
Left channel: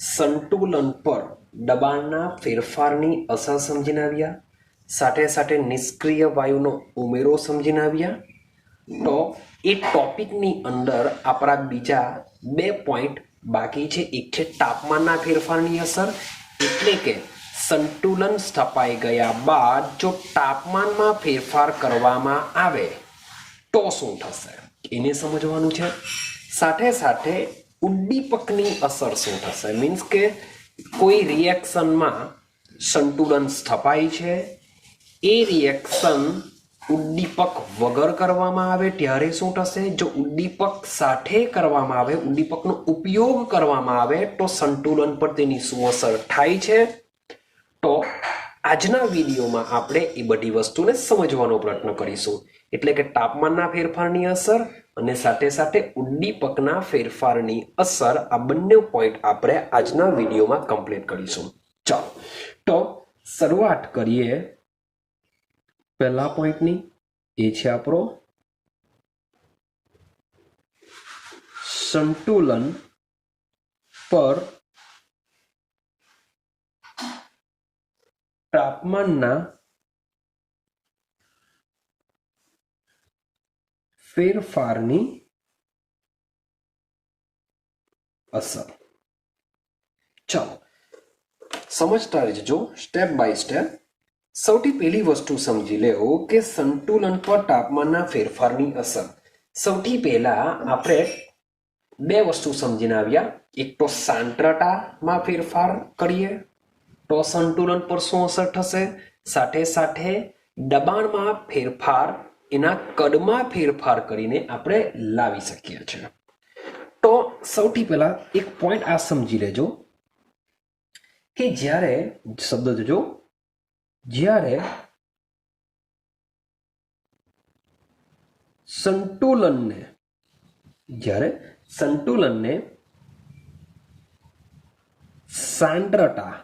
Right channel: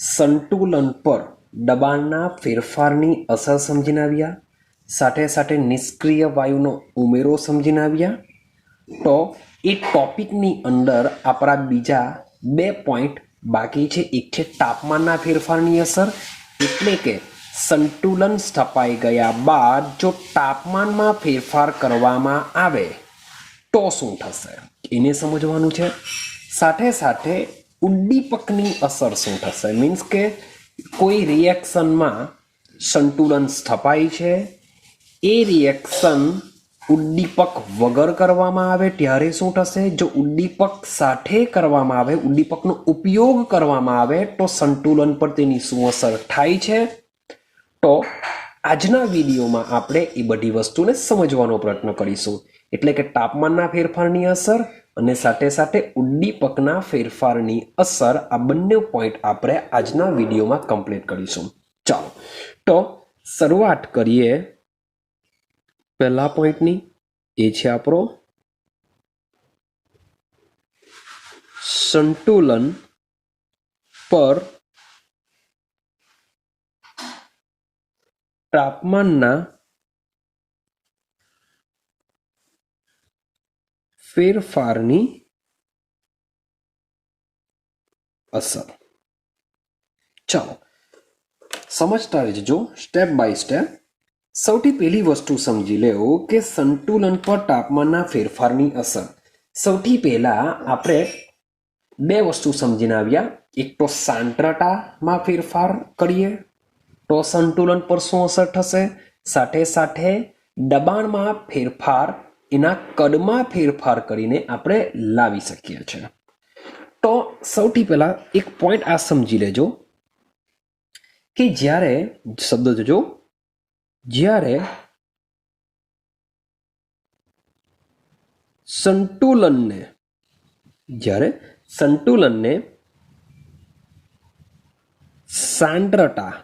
સંતુલન પર દબાણના ફેરફારની અસર સમજીને આવ્યા, સાથે સાથે નિષ્ક્રિય વાયુનો ઉમેરો સમજીને આવ્યા. તો એ ટોપિકની અંદર આપણા બીજા 2 પોઈન્ટ બાકી છે. એક છે તાપમાનના ફેરફારની અસર, એટલે કે સંતુલન સ્થપાઈ ગયા બાદ જો તાપમાનમાં ફેરફાર કરવામાં આવે તો શું થશે, એને સમજવાનું છે. સાથે સાથે ઉદ્દીપકની અસર શું થશે, મીન્સ કે કોઈ રિએક્શનમાં સંતુલન સ્થપાય છે, એ રિએક્શન ઉદ્દીપક વગર કરવામાં આવે ત્યારે શું થશે, જો ઉદ્દીપક સાથે કરવામાં આવે, ઉદ્દીપકનો ઉપયોગ કરવામાં આવે તો સંતુલન પર તેની શું અસર થાય છે. તો આજના વિડીયોમાં આપણે એ બધી વસ્તુને સમજવાનો પ્રયત્ન કરીશું. એટલે કે તાપમાનના ફેરફારની અસર અને સાથે સાથે ઉદ્દીપકના ફેરફારની અસર, આ બંને પોઈન્ટ આપણે આજના વિડીયોમાં કમ્પ્લીટ કરીશું. ચાલો તો શરૂઆત કરીએ પહેલા પોઈન્ટની. એ છે આપણો સંતુલન પર તાપમાનના ફેરફારની અસર. ચાલો સમજતા રહેજો સ્ટેપ બાય સ્ટેપ. સૌથી પહેલી વસ્તુ સમજી લેવો કે સંતુલન પર તાપમાનના ફેરફારની અસર. સૌથી પહેલા આપણે 2 વસ્તુ સમજીને આવ્યા. એક તો સાંદ્રતામાં ફેરફાર કરીએ તો સંતુલન પર શું અસર થશે, સાથે સાથે દબાણમાં ફેરફાર, એના કદમાં ફેરફાર કરીને આપણે લાવી શકીએ છીએ. તો સૌથી પહેલા એક પોઈન્ટ આ સમજી લેજો કે જ્યારે, શબ્દ જોજો, જ્યારે સંતુલનને સાંદ્રતા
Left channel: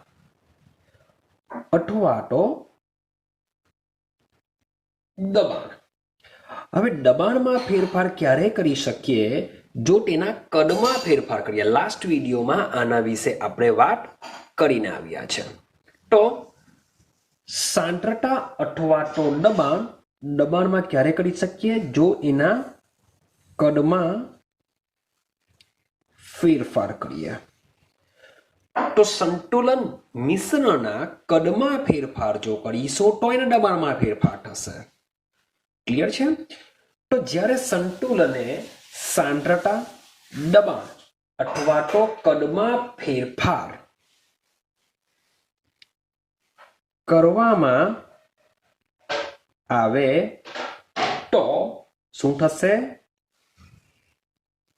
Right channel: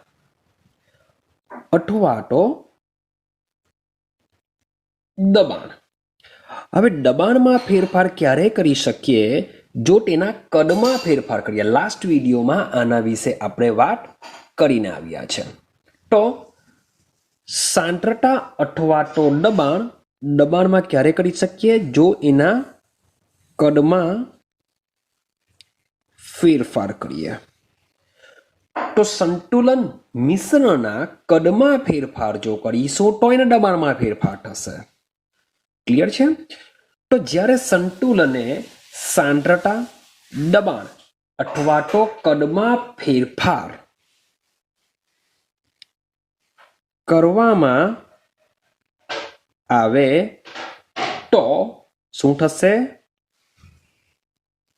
અથવા તો દબાણ. હવે દબાણમાં ફેરફાર ક્યારે કરી શકીએ, જો તેના કદમાં ફેરફાર કરીએ. લાસ્ટ વિડીયોમાં આના વિશે આપણે વાત કરીને આવ્યા છે. તો સાંદ્રતા અથવા તો દબાણમાં ક્યારે કરી શકીએ, જો એના કદમાં ફેરફાર કરીએ. તો સંતુલન મિશ્રણના કદમાં ફેરફાર જો કરીશું તો એના દબાણમાં ફેરફાર થશે. ક્લિયર છે? તો જ્યારે સંતુલને સાંદ્રતા, દબાણ અથવા તો કદમાં ફેરફાર કરવામાં આવે તો શું થશે,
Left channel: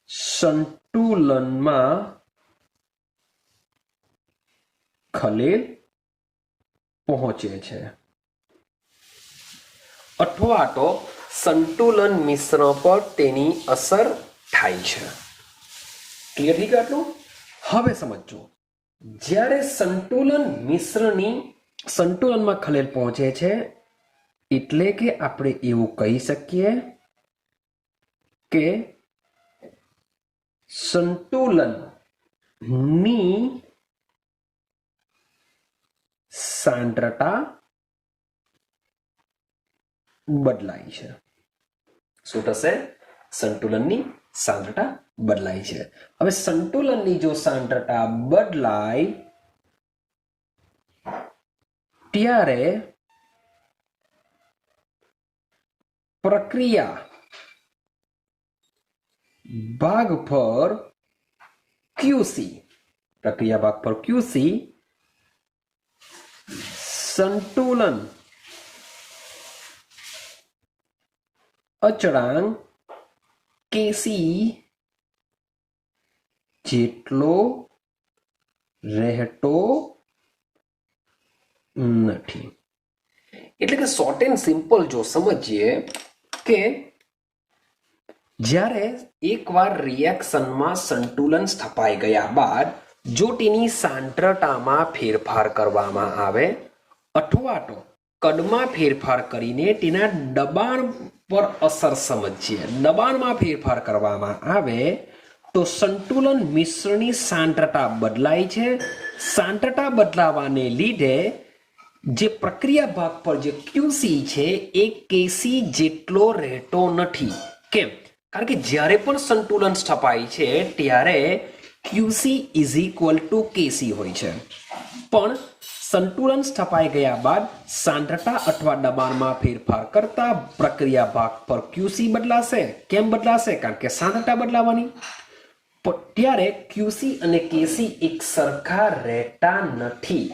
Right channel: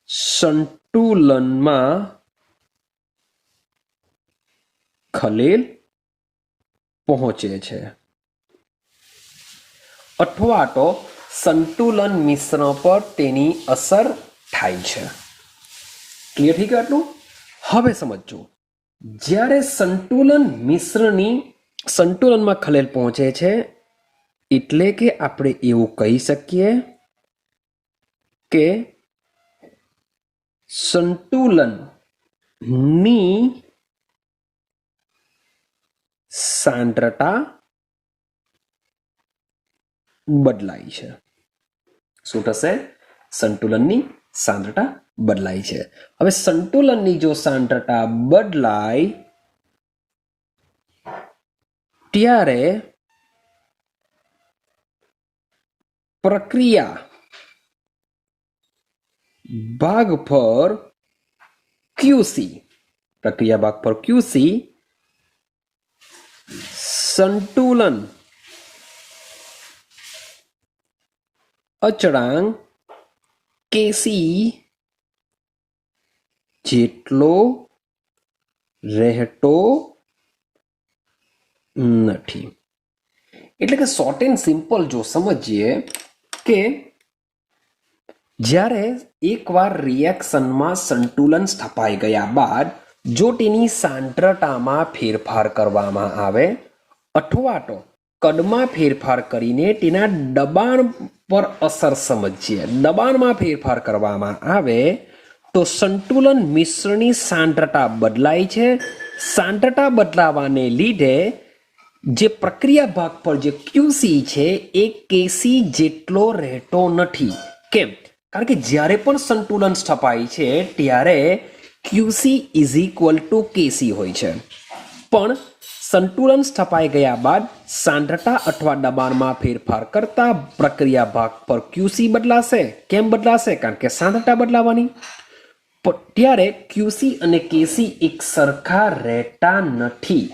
સંતુલનમાં ખલેલ પહોંચે છે અથવા તો સંતુલન મિશ્રણ પર તેની અસર થાય છે. ક્લિયર થઈ ગયું આટલું? હવે સમજો જ્યારે સંતુલનમાં ખલેલ પહોંચે છે એટલે કે આપણે એવું કહી શકીએ કે સંતુલનની સાંદ્રતા બદલાય છે. શું થશે? સંતુલનની સાંદ્રતા બદલાય છે. હવે સંતુલનની જો સાંદ્રતા બદલાય ત્યારે પ્રક્રિયા ભાગ પર QC સંતુલન અચળાંક Kc જેટલો રહેતો નથી. એટલે કે શોર્ટ એન્ડ સિમ્પલ જો સમજીએ કે જ્યારે એકવાર રિએક્શનમાં સંતુલન સ્થપાઈ ગયા બાદ જો તેની સાંદ્રતામાં ફેરફાર કરવામાં આવે અથવા તો કદમાં ફેરફાર કરીને તેના દબાણ પર અસર સમજીએ, દબાણમાં ફેરફાર કરવામાં આવે તો સંતુલન મિશ્રણની સાંદ્રતા બદલાય છે. સાંદ્રતા બદલાવાને લીધે જે પ્રક્રિયા ભાગ પર જે QC છે એ Kc જેટલો રહેતો નથી. કેમ? કારણ કે જ્યારે પણ સંતુલન સ્થપાય છે ત્યારે QC is equal to Kc હોય છે, પણ સંતુલન સ્થપાઈ ગયા બાદ સાંદ્રતા અથવા દબાણમાં ફેરફાર કરતા પ્રક્રિયા ભાગ પર QC બદલાશે. કેમ બદલાશે? કારણ કે સાંદ્રતા બદલાવાની. ત્યારે QC અને Kc એક સરખા રહેતા નથી.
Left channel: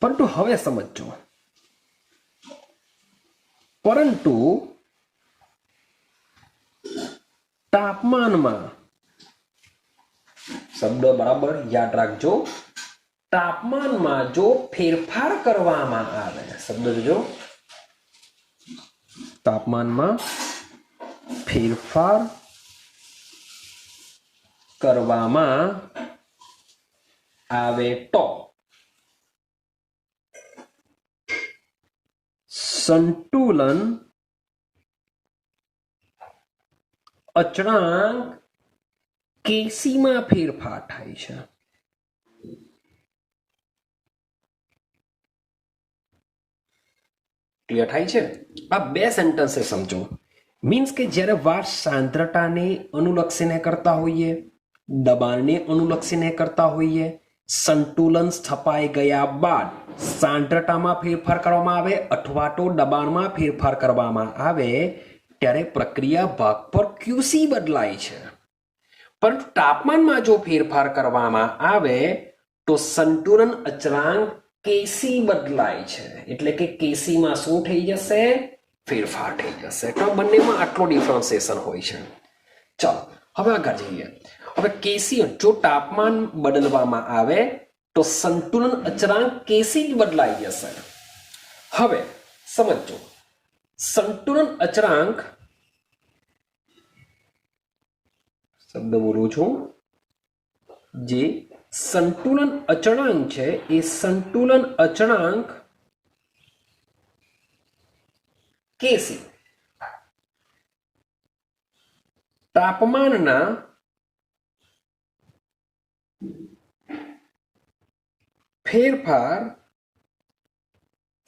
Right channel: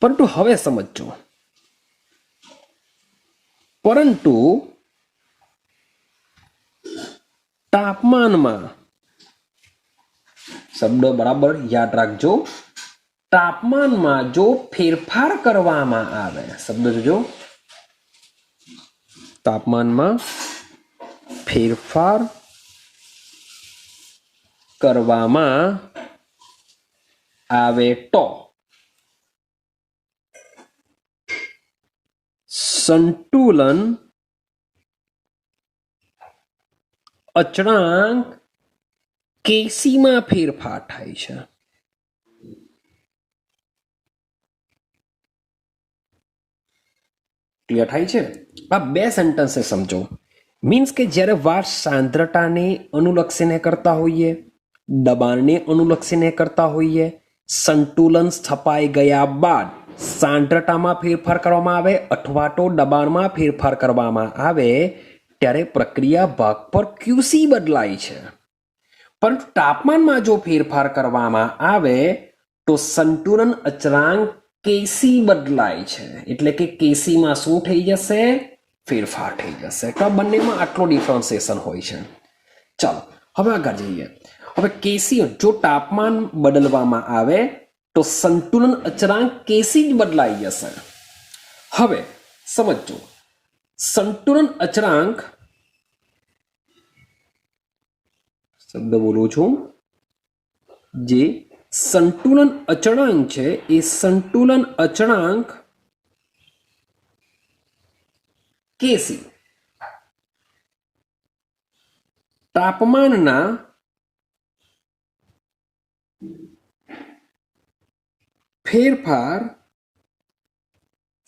પરંતુ હવે સમજો, પરંતુ તાપમાનમાં, શબ્દ બરાબર યાદ રાખજો, તાપમાનમાં જો ફેરફાર કરવામાં આવે, શબ્દ જોજો, તાપમાનમાં ફેરફાર કરવામાં આવે તો સંતુલન અચળાંક Kc માં ફેરફાર થાય છે. ક્લિયર થાય છે? આ બે સેન્ટેન્સ સમજો. મીન્સ કે જ્યારે વાર સાંદ્રતાને અનુલક્ષીને કરતા હોઈએ, દબાણને અનુલક્ષીને કરતા હોઈએ, સંતુલન સ્થપાઈ ગયા બાદ સાંદ્રતામાં ફેરફાર કરવામાં આવે અથવા તો દબાણમાં ફેરફાર કરવામાં આવે ત્યારે પ્રક્રિયા ભાગ પર QC બદલાય છે. પરંતુ તાપમાનમાં જો ફેરફાર કરવામાં આવે તો સંતુલન અચળાંક Kc બદલાય છે. એટલે કે Kc માં શું થઈ જશે? ફેરફાર થઈ જશે. તો બંનેમાં આટલો ડિફરન્સિએશન હોય છે. ચાલો હવે આગળ જઈએ. હવે Kc જો તાપમાન બદલવામાં આવે તો સંતુલન અચળાંક Kc જ બદલાઈ જશે. હવે સમજો, સંતુલન અચળાંક, શબ્દ બોલું છું, જે સંતુલન અચળાંક છે એ સંતુલન અચળાંક Kc તાપમાનના ફેરફાર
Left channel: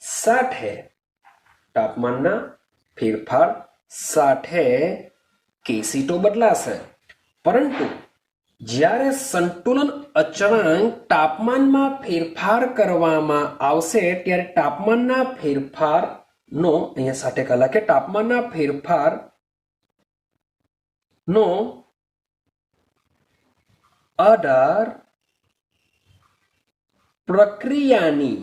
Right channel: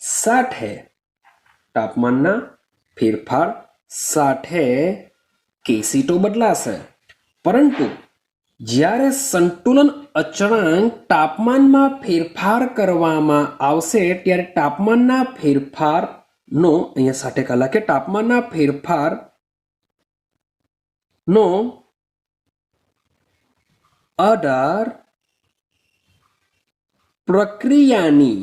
સાથે, તાપમાનના ફેરફાર સાથે Kc તો બદલાશે, પરંતુ જ્યારે સંતુલન અચળાંક તાપમાનમાં ફેરફાર કરવામાં આવશે ત્યારે તાપમાનના ફેરફારનો, અહીંયા સાથે કલા કે તાપમાનના ફેરફારનો આધાર પ્રક્રિયાની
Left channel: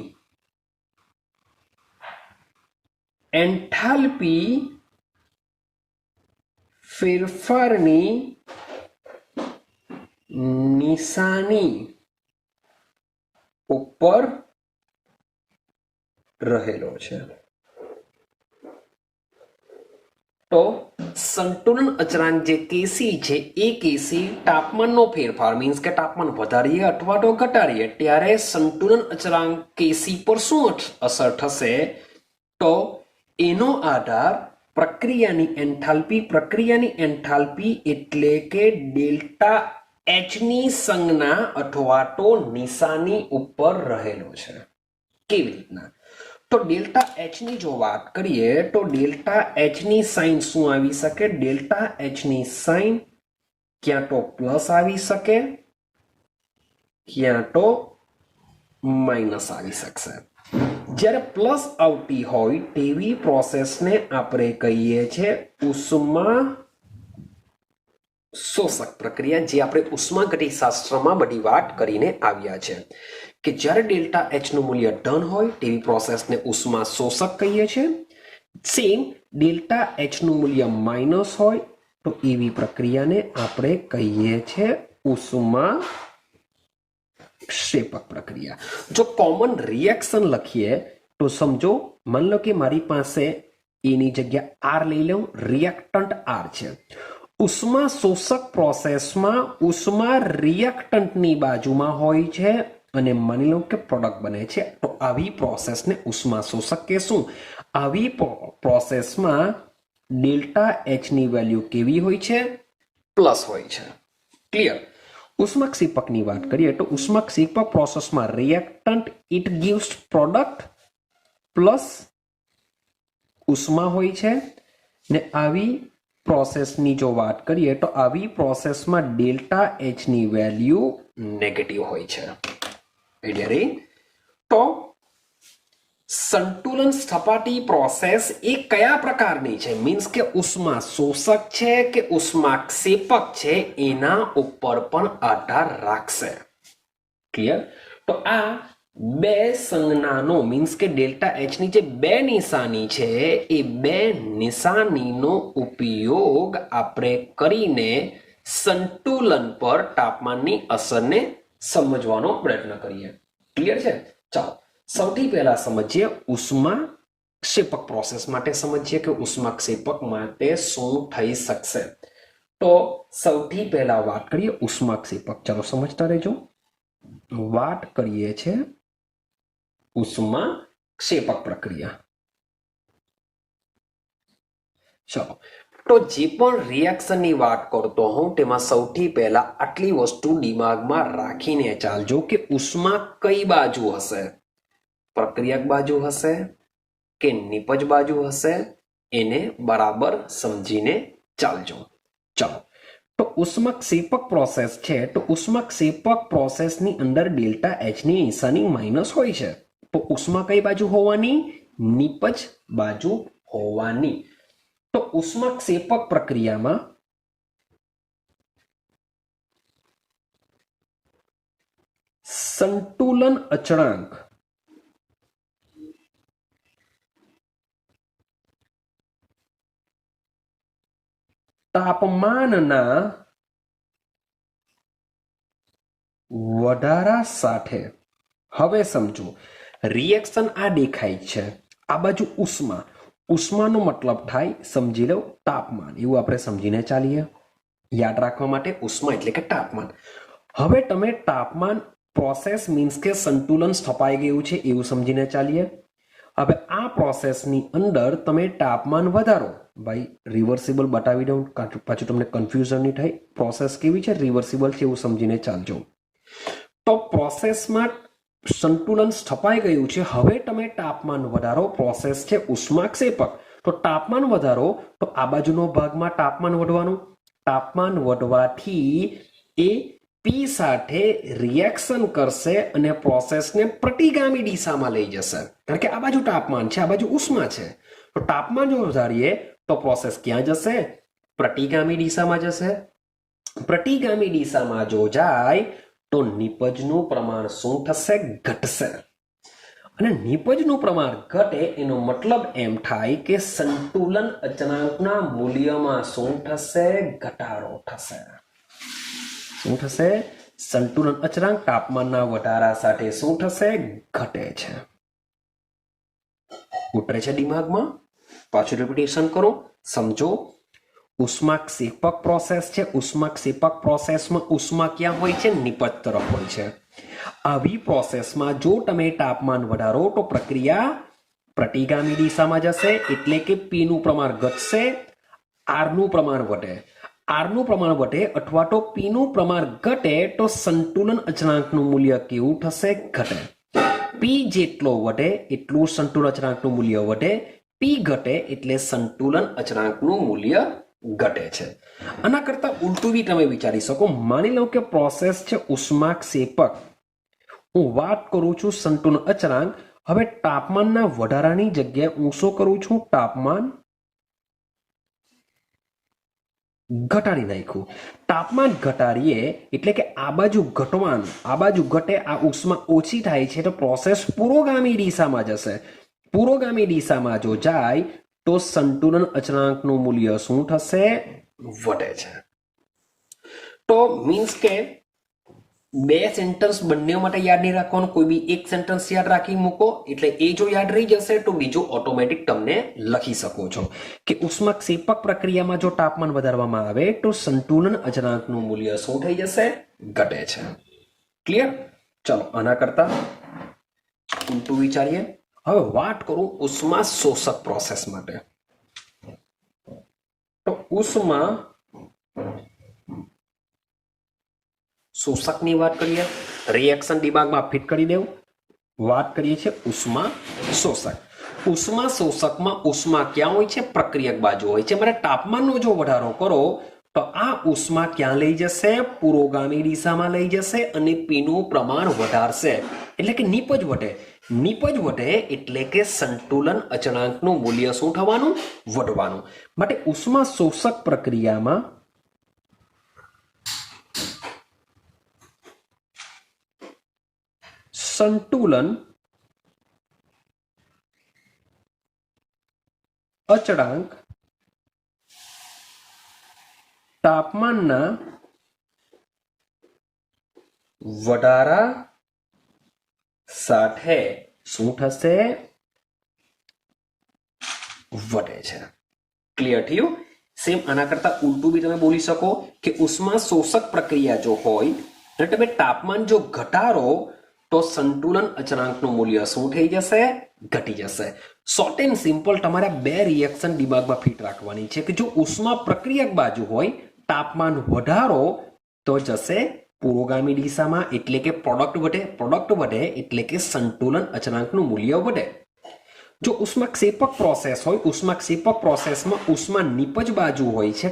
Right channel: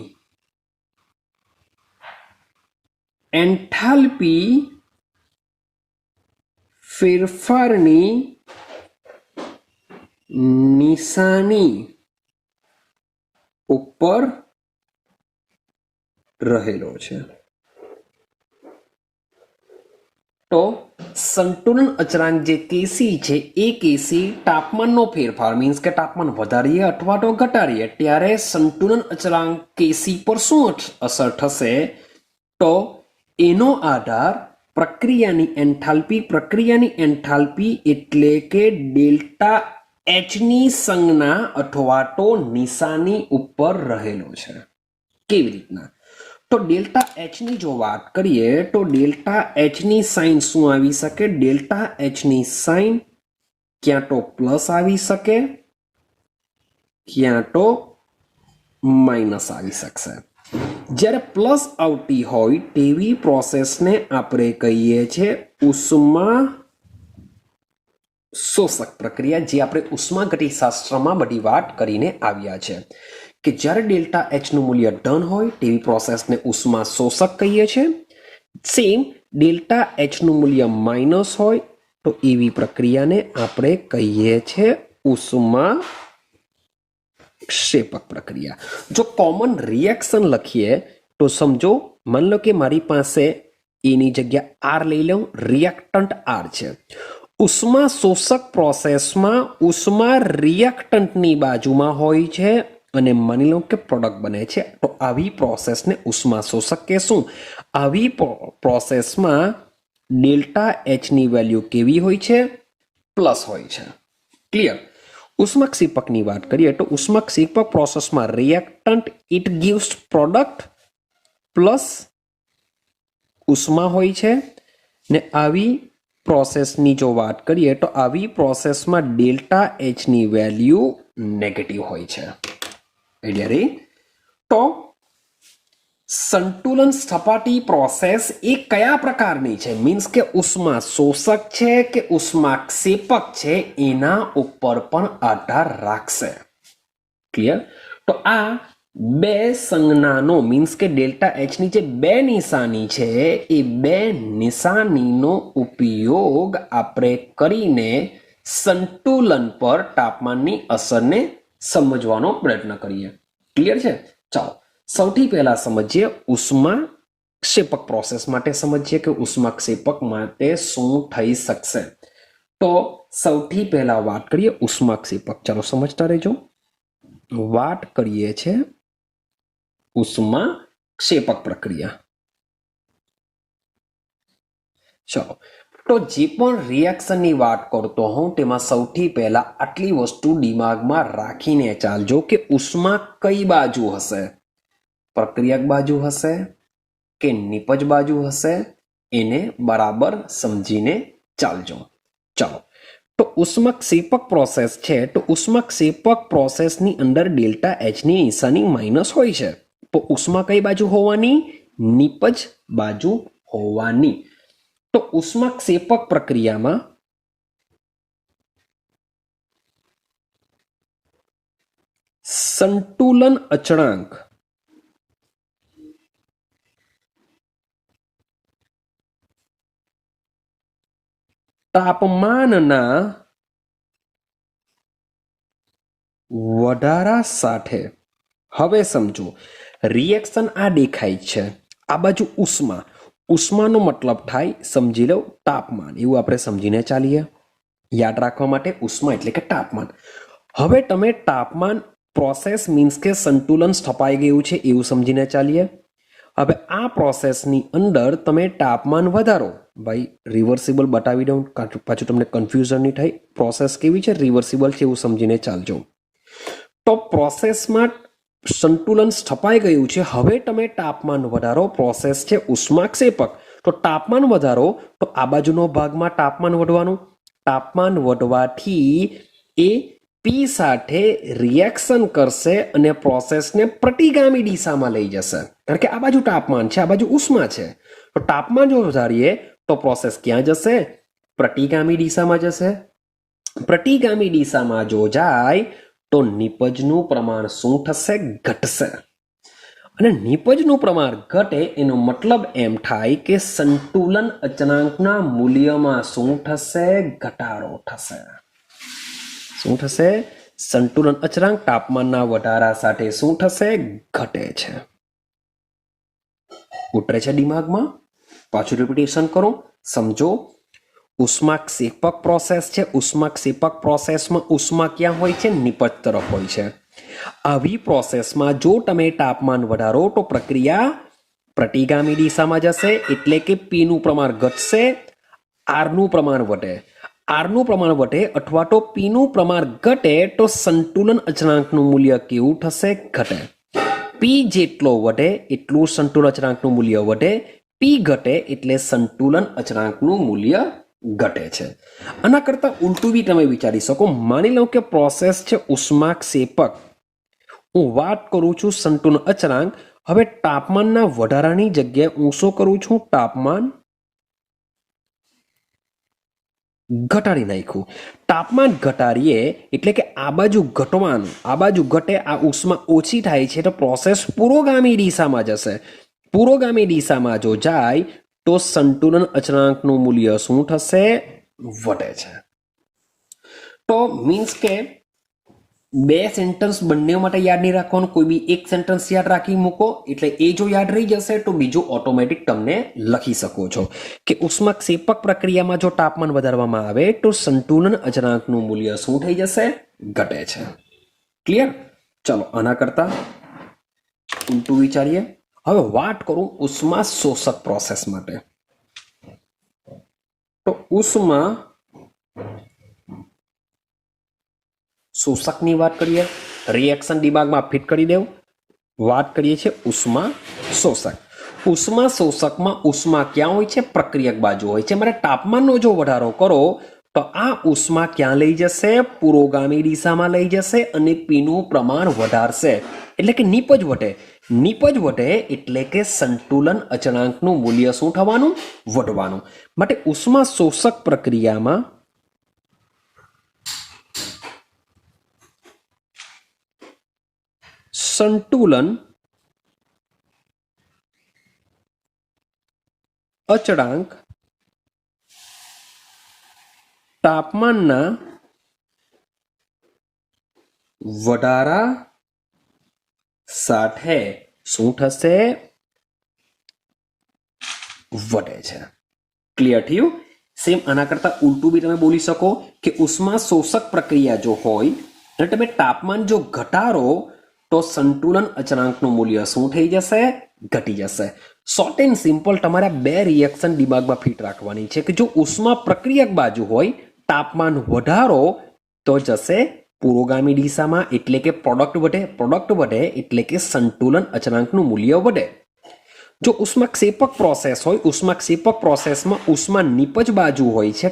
એન્થાલ્પી ફેરફારની નિશાની ઉપર રહેલો છે. તો સંતુલન અચળાંક જે કેસી છે એ કેસી તાપમાનનો ફેરફાર મીન્સ કે તાપમાન વધારીએ અથવા તો ઘટાડીએ ત્યારે સંતુલન અચળાંક કેસી પર શું અસર થશે તો એનો આધાર પ્રક્રિયાની એન્થાલ્પી એટલે કે ડેલ્ટા એચ ની સંજ્ઞા અથવા તો નિશાની ઉપર રહેલો છે. કેવી રીતના? તો ડેલ્ટા એચ ની જો વાત કરીએ તો ડેલ્ટા એચ ની સાઇન શું આવી શકે? ડેલ્ટા એચ ની સાઇન ક્યાં તો પ્લસ આવી શકે ક્યાં તો માઇનસ આવી શકશે. જ્યારે પ્લસ આવતી હોય તેવી પ્રોસેસને આપણે કહીએ છીએ ઉષ્મા શોષક પ્રક્રિયા, જે આપણે ઉષ્માગતિશાસ્ત્રમાં બધી વાત કરીને આવ્યા છે કે જ્યારે ડેલ્ટા એચ નું મૂલ્ય ધન હોય તેવી પ્રોસેસને ઉષ્મા શોષક કહીએ છીએ. સેમ ડેલ્ટા એચ નું મૂલ્ય માઇનસ હોય તો એવી પ્રક્રિયાને આપણે કહીએ છીએ ઉષ્મા ક્ષેપક પ્રક્રિયા. જો કોમન રિએક્શન લખીએ તો સમજો, માની લો કે મારી પાસે એની જગ્યા આર લઈ લઉં, રિએક્ટન્ટ આર છે. ઉષ્મા શોષક પ્રોસેસમાં ઉષ્મા રિએક્ટન્ટની બાજુમાં હોય છે અને માની લો કે પ્રોડક્ટ બને છે, તો આવી પ્રોસેસને ઉષ્મા શોષક કહેશું. આવી પ્રોસેસમાં ડેલ્ટા એચ ની વેલ્યુ કેવી હોય છે? પ્લસ હોય છે. ક્લિયર? ઉષ્માક્ષેપકની વાત કરીએ તો ઉષ્માક્ષેપક પ્રોસેસમાં reactant it gives product plus ઉષ્મા હોય છે ને આવી પ્રોસેસની જો વાત કરીએ તો આવી પ્રોસેસમાં ડેલ્ટા એચ ની વેલ્યુ નેગેટિવ હોય છે. તો સંતુલન સપાટી પ્રોસેસ એ કયા પ્રકારની છે? મીન્સ કે ઉષ્મા શોષક છે કે ઉષ્માક્ષેપક છે એના ઉપર પણ આધાર રાખશે. ક્લિયર? તો આ બે સંજ્ઞાનો મીન્સ કે ડેલ્ટા એચ ની જે બે નિશાની છે એ બે નિશાનીનો ઉપયોગ આપણે કરીને સંતુલન પર તાપમાનની અસરને સમજવાનો પ્રયત્ન કરીએ. ક્લિયર છે? ચાલો સૌથી પહેલા સમજીએ ઉષ્મા ક્ષેપક પ્રોસેસ માટે સમજીએ કે ઉષ્મા ક્ષેપક માટે શું થઈ શકશે. તો સૌથી પહેલા વાત કરીએ ઉષ્મા ક્ષેપક. ચાલો સમજતા રહેજો. વાત કરીએ છે ઉષ્મા ક્ષેપક પ્રક્રિયા. ચલો, તો જે પણ રિએક્શનની વાત કરતો હું તેમાં સૌથી પહેલા આટલી વસ્તુ દિમાગમાં રાખીને ચાલજો કે ઉષ્મા કઈ બાજુ હશે? પ્રક્રિયક બાજુ હશે કે નિપજ બાજુ હશે? એને બરાબર સમજીને ચાલજો. ચાલો, તો ઉષ્માક્ષેપક પ્રોસેસ છે તો ઉષ્માક્ષેપક પ્રોસેસની અંદર ડેલ્ટા એચ ની નિશાની માઇનસ હોય છે. તો ઉષ્મા કઈ બાજુ હોવાની? નિપજ બાજુ હોવાની. તો ઉષ્માક્ષેપક પ્રક્રિયામાં સંતુલન અચળાંક તાપમાનના વધારા સાથે, હવે સમજો રિએક્શન આ દેખાય છે, આ બાજુ ઉષ્મા, ઉષ્માનો મતલબ થાય સમજી લો તાપમાન, એવું આપણે સમજીને ચાલીએ. યાદ રાખવા માટે ઉષ્મા એટલે કે તાપમાન. હવે તમે તાપમાન પ્રોસેસ મીન્સ કે સંતુલન સ્થપાઈ ગયું છે એવું સમજીને ચાલીએ. હવે આ પ્રોસેસની અંદર તમે તાપમાન વધારો, ભાઈ રિવર્સિબલ બતાવી દઉં પાછું તમને કન્ફ્યુઝન નહીં થાય. પ્રોસેસ કેવી છે? રિવર્સિબલ છે એવું સમજીને ચાલજો. તો પ્રોસેસમાં સંતુલન સ્થપાઈ ગયું છે. હવે તમે તાપમાન વધારો, પ્રોસેસ છે ઉષ્માક્ષેપક, તો તાપમાન વધારો તો આ બાજુનો ભાગમાં તાપમાન વધવાનું. તાપમાન વધવાથી એ પી સાથે રિએક્શન કરશે અને પ્રોસેસને પ્રતિગામી દિશામાં લઈ જશે. કારણ કે આ બાજુ તાપમાન છે, આ બાજુ ઉષ્મા છે. તો તાપમાન જો વધારીએ તો પ્રોસેસ ક્યાં જશે? પ્રતિગામી દિશામાં જશે. પ્રતિગામી દિશામાં જો જાય તો નિપજનું પ્રમાણ શું થશે? ઘટશે. અને નિપજનું પ્રમાણ ઘટે એનો મતલબ એમ થાય કે સંતુલન અચળાંકના મૂલ્યમાં શું થશે? ઘટાડો થશે. શું થશે? સંતુલન અચળાંક તાપમાનના વધારા સાથે શું થશે? ઘટે છે. ઉતરે છે દિમાગમાં? પાછું રિપીટેશન કરો, સમજો. ઉષ્માક્ષેપક પ્રોસેસ છે. ઉષ્માક્ષેપક પ્રોસેસમાં ઉષ્મા ક્યાં હોય છે? નિપજ તરફ હોય છે. આવી પ્રોસેસમાં જો તમે તાપમાન વધારો તો પ્રક્રિયા પ્રતિગામી દિશામાં જશે, એટલે કે P નું પ્રમાણ ઘટશે, R નું પ્રમાણ વધે. R નું પ્રમાણ વધે અથવા તો P નું પ્રમાણ ઘટે તો સંતુલન અચળાંકનું મૂલ્ય કેવું થશે? ઘટે. P જેટલો વધે એટલું સંતુલન અચળાંકનું મૂલ્ય વધે. P ઘટે એટલે સંતુલન અચળાંકનું મૂલ્ય ઘટે છે. આના કરતા ઉલટું બી તમે વિચારી શકો. માની લો કે પ્રોસેસ છે ઉષ્માક્ષેપક, હું વાત કરું છું સંતુલન અચળાંક. હવે તાપમાનના વધારાની જગ્યાએ હું શું કરું છું? તાપમાન ઘટાડી નાખ્યું. તાપમાન ઘટાડીએ એટલે કે આ બાજુ ઘટવાનું, આ બાજુ ઘટે, આ ઉષ્મા ઓછી થાય છે તો પ્રોસેસ પુરોગામી દિશામાં જશે. પુરોગામી દિશામાં જો જાય તો સંતુલન અચળાંકનું મૂલ્ય શું થશે? વધે છે. તો મીન્સ કે બે સેન્ટેન્સ બંને માટે યાદ નહીં રાખવાનું, કોઈ બી એક સેન્ટેન્સ યાદ રાખી મૂકો, એટલે એ જો યાદ રહી જશે તો બીજો ઓટોમેટિક તમને લખી શકો છો કે ઉષ્માક્ષેપક પ્રક્રિયામાં જો તાપમાન વધારવામાં આવે તો સંતુલન અચળાંકનું મૂલ્ય શું થઈ જશે? ઘટે છે. ક્લિયર? ચલો આના કરતા ઉલટું વિચારીએ. હવે વાત કરું ઉષ્મા શોષક પ્રોસેસ માટે. તો ઉષ્મા શોષકની વાત કરીએ, રિએક્શન દિમાગમાં ફિટ કરી દેવું. વાત કરીએ છીએ ઉષ્મા શોષક. ઉષ્મા શોષકમાં ઉષ્મા ક્યાં હોય છે? પ્રક્રિયક બાજુ હોય છે. મારે તાપમાનનો જો વધારો કરો તો આ ઉષ્મા ક્યાં લઈ જશે? પુરોગામી દિશામાં લઈ જશે અને પીનું પ્રમાણ વધારશે, એટલે કે નિપજ વધે. નિપજ વધે એટલે કે સંતુલન અચળાંકનું મૂલ્ય શું થવાનું? વધવાનું. માટે ઉષ્મા શોષક પ્રક્રિયામાં સંતુલન અચળાંક તાપમાનના વધારા સાથે શું થશે? વધે છે. ક્લિયર થયું? સેમ આના કરતા ઉલટું બી તમે બોલી શકો કે ઉષ્મા શોષક પ્રક્રિયા જો હોય અને તમે તાપમાન જો ઘટાડો તો સંતુલન અચળાંકનું મૂલ્ય શું થઈ જશે? ઘટી જશે. શોર્ટ એન્ડ સિમ્પલ તમારે બે રિએક્શન દિમાગમાં ફિટ રાખવાની છે કે જો ઉષ્મા પ્રક્રિયક બાજુ હોય, તાપમાન વધારો તો જશે પુરોગામી દિશામાં, એટલે કે પ્રોડક્ટ વધે. પ્રોડક્ટ વધે એટલે કે સંતુલન અચળાંકનું મૂલ્ય વધે. જો ઉષ્માક્ષેપક પ્રોસેસ હોય, ઉષ્માક્ષેપક પ્રોસેસમાં ઉષ્મા નિપજ બાજુ હોય છે,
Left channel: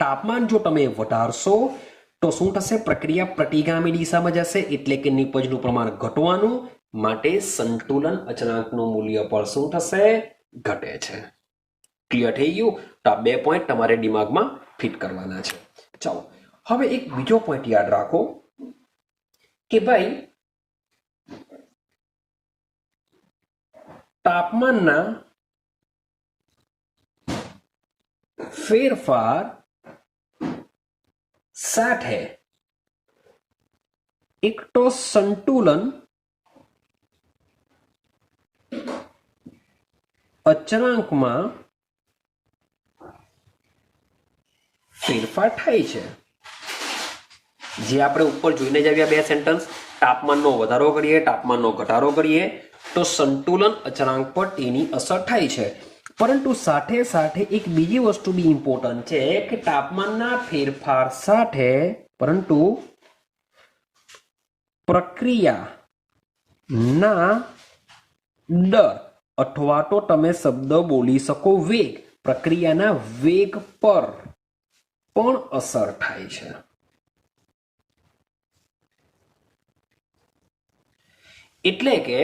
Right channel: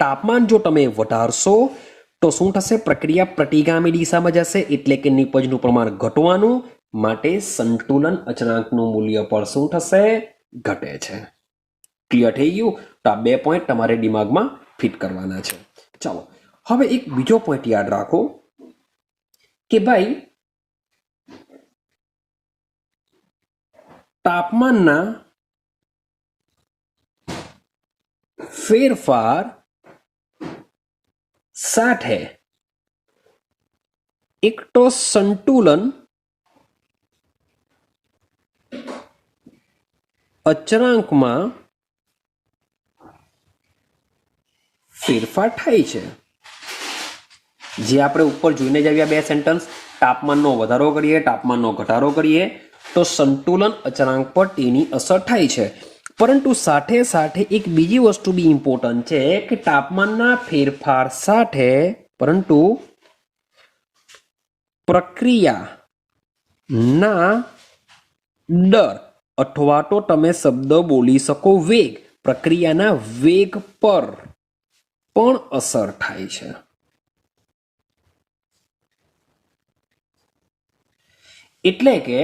તાપમાન જો તમે વધારશો તો શું થશે? પ્રક્રિયા પ્રતિગામી દિશામાં જશે, એટલે કે નિપજનું પ્રમાણ ઘટવાનું. માટે સંતુલન અચળાંકનું મૂલ્ય પણ શું થશે? ઘટે છે. ક્લિયર થઈ ગયું? તો આ 2 પોઈન્ટ તમારે દિમાગમાં ફિટ કરવાના છે. ચાલો હવે એક બીજો પોઈન્ટ યાદ રાખો કે ભાઈ તાપમાનના ફેરફાર સાથે એક તો સંતુલન અચળાંકમાં ફેરફાર થાય છે. જે આપણે ઉપર જોઈને જ આવ્યા બે સેન્ટેન્સ, તાપમાનનો વધારો કરીએ, તાપમાનનો ઘટાડો કરીએ તો સંતુલન અચળાંક પર તેની અસર થાય છે. પરંતુ સાથે સાથે એક બીજી વસ્તુ બી ઇમ્પોર્ટન્ટ છે કે તાપમાનના ફેરફાર સાથે પરંતુ પ્રક્રિયાના દર અથવા તો તમે શબ્દ બોલી શકો વેગ, પ્રક્રિયાના વેગ પર પણ અસર થાય છે. એટલે કે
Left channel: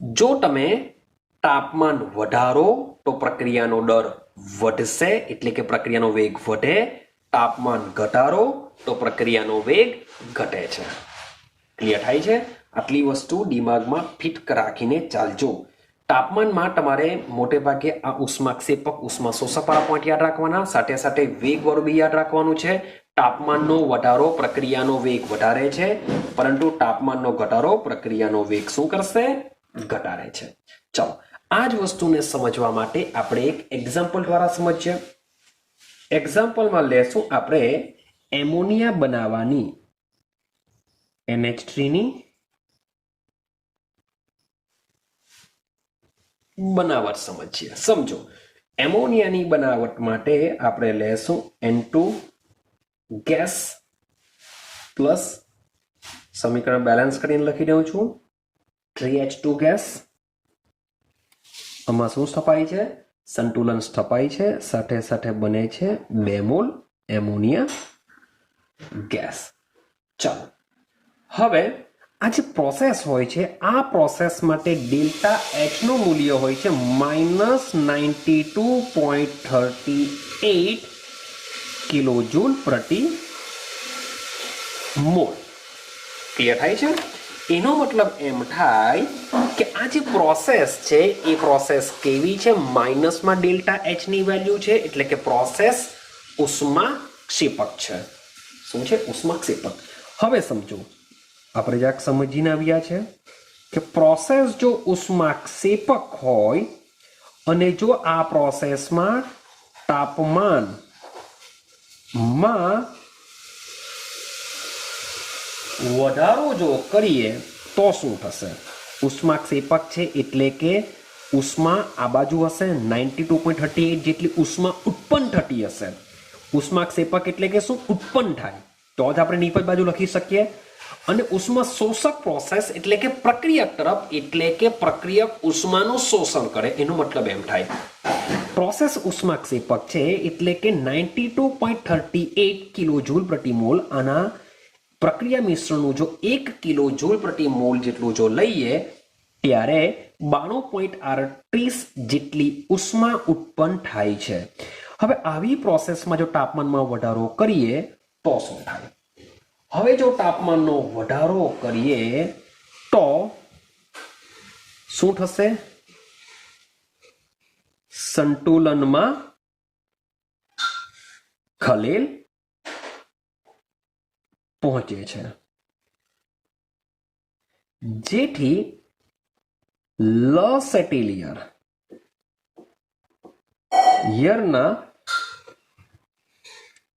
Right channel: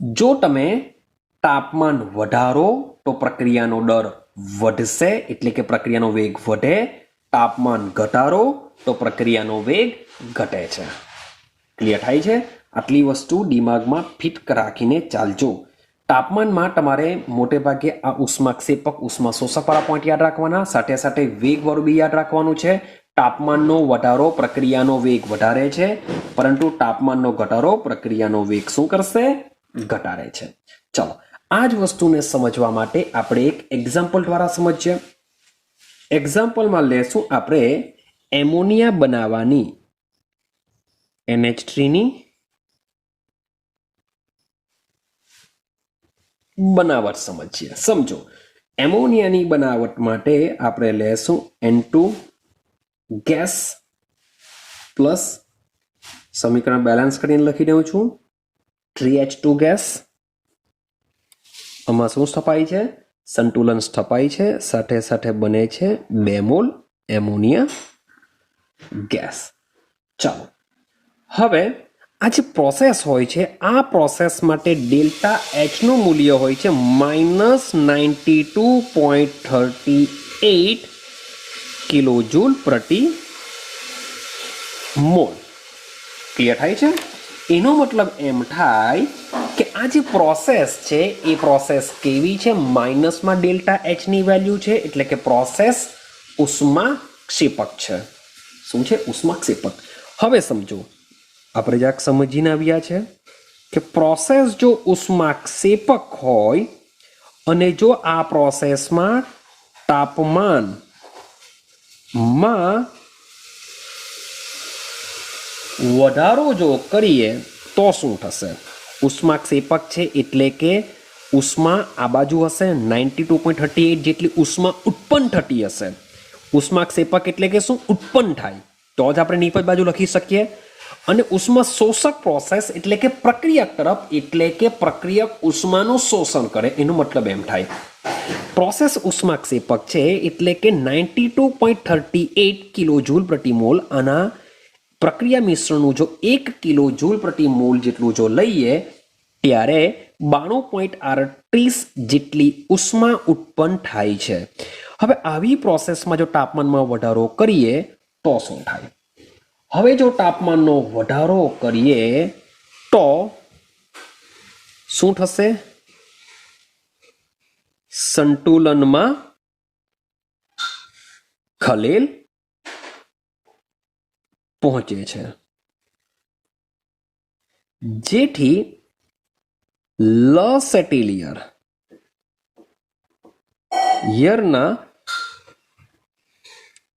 જો તમે તાપમાન વધારો તો પ્રક્રિયાનો દર વધશે, એટલે કે પ્રક્રિયાનો વેગ વધે. તાપમાન ઘટાડો તો પ્રક્રિયાનો વેગ ઘટે છે. ક્લિયર થાય છે? આટલી વસ્તુ દિમાગમાં ફિટ રાખીને ચાલજો. તાપમાનમાં તમારે મોટે ભાગે આ ઉષ્માક્ષેપક ઉષ્મા શોષકવાળા પોઈન્ટ યાદ રાખવાના, સાથે સાથે વેગવાળું બી યાદ રાખવાનું છે. તાપમાનનો વધારો પ્રક્રિયાનો વેગ વધારે છે, પરંતુ તાપમાનનો ઘટાડો પ્રક્રિયાનો વેગ શું કરશે? ઘટાડે છે. ચલો આ જ વસ્તુને સમજવા માટે આપણે એક એક્ઝામ્પલ દ્વારા સમજીએ. એક્ઝામ્પલમાં લેશું આપણે એમોનિયા બનાવવાની NH3 ની બનાવટ સમજીએ. સમજો, એમોનિયાની બનાવટ માટે આપણે લેશું N2 ગેસ પ્લસ સમીકરણ બેલેન્સ કરીને લખી દઉં છું 3H2 ગેસ. આમાં શું સ્થપાય છે? સંતુલન સ્થપાય છે, સાથે સાથે બને છે 2 મોલ એમોનિયા ગેસ. ચાલો, હવે આ જે પ્રોસેસ હોય છે, આ પ્રોસેસ માટે ડેલ્ટા એચ નું મૂલ્ય હોય છે -92.38 કિલોજૂલ પ્રતિ મોલ. ક્લિયર થાય છે? એનો મતલબ એમ થાય કે આ જે પ્રોસેસ છે એ પ્રોસેસ કેવી છે? માઇનસમાં ડેલ્ટા એચ ની વેલ્યુ છે, એટલે કે પ્રોસેસ ઉષ્માક્ષેપક છે. શું છે? ઉષ્માક્ષેપક. હવે સમજો, આપણે જરાક સમજીને આવ્યા છે કે પ્રોસેસ જો ઉષ્માક્ષેપક હોય અને જો આ પ્રોસેસમાં તાપમાનમાં વધારો જો કરીએ તો શું થશે? ઉષ્માક્ષેપક છે એટલે કે ઉષ્મા આ બાજુ હશે, 92.38 જેટલી ઉષ્મા ઉત્પન્ન થતી હશે. ઉષ્માક્ષેપક એટલે કે શું? ઉત્પન્ન થાય, તો જ આપણે નીચે બાજુ લખી શકીએ. અને ઉષ્મા શોષક પ્રોસેસ એટલે કે પ્રક્રિયક તરફ, એટલે કે પ્રક્રિયક ઉષ્માનું શોષણ કરે, એનો મતલબ એમ થાય. પ્રોસેસ ઉષ્માક્ષેપક છે એટલે કે 92.38 કિલોજૂલ પ્રતિ મોલ. આના પ્રક્રિયા મિશ્રણનું જો 1 કિલોજૂલ પ્રતિ મોલ જેટલું જો લઈએ ત્યારે 92.38 જેટલી ઉષ્મા ઉત્પન્ન થાય છે. હવે આવી પ્રોસેસમાં જો તાપમાનમાં વધારો કરીએ તો શું થાય? હવે જો તાપમાનનો વધારો કરીએ તો શું થશે? સંતુલનમાં ખલેલ પહોંચે છે, જેથી લસેટેલિયરના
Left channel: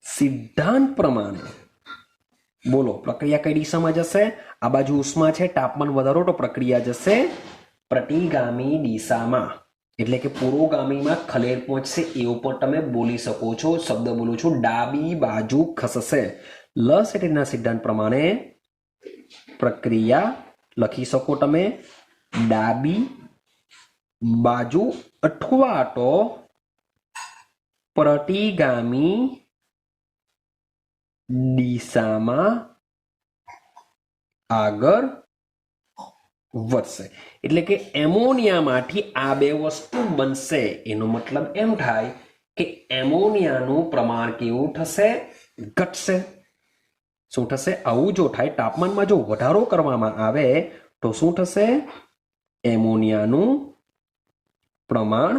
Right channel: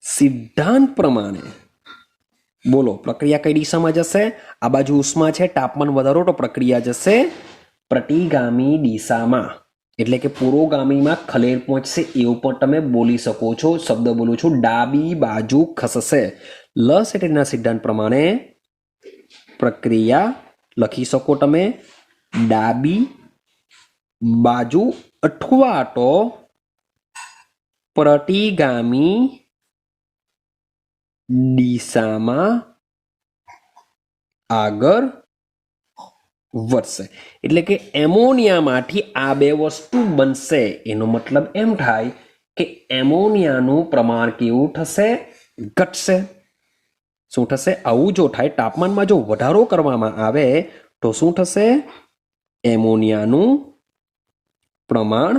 સિદ્ધાંત પ્રમાણે બોલો પ્રક્રિયા કઈ દિશામાં જશે? આ બાજુ ઉષ્મા છે, તાપમાન વધારો તો પ્રક્રિયા જશે પ્રતિગામી દિશામાં, એટલે કે પુરોગામીમાં ખલેલ પહોંચશે. એવું પણ તમે બોલી શકો છો. શબ્દ બોલું છું, ડાબી બાજુ ખસશે. લસેટેલિયરના સિદ્ધાંત પ્રમાણે પ્રક્રિયા લખી શકો તમે ડાબી બાજુ અથવા તો પ્રતિગામી દિશામાં આગળ વધશે. એટલે કે એમોનિયામાંથી આ બે વસ્તુ બનશે. એનો મતલબ એમ થાય કે એમોનિયાનું પ્રમાણ કેવું થશે? ઘટશે. શું થશે? આવું જો થાય, તાપમાનમાં જો વધારો કરવામાં આવે તો શું થશે? એમોનિયાનું પ્રમાણ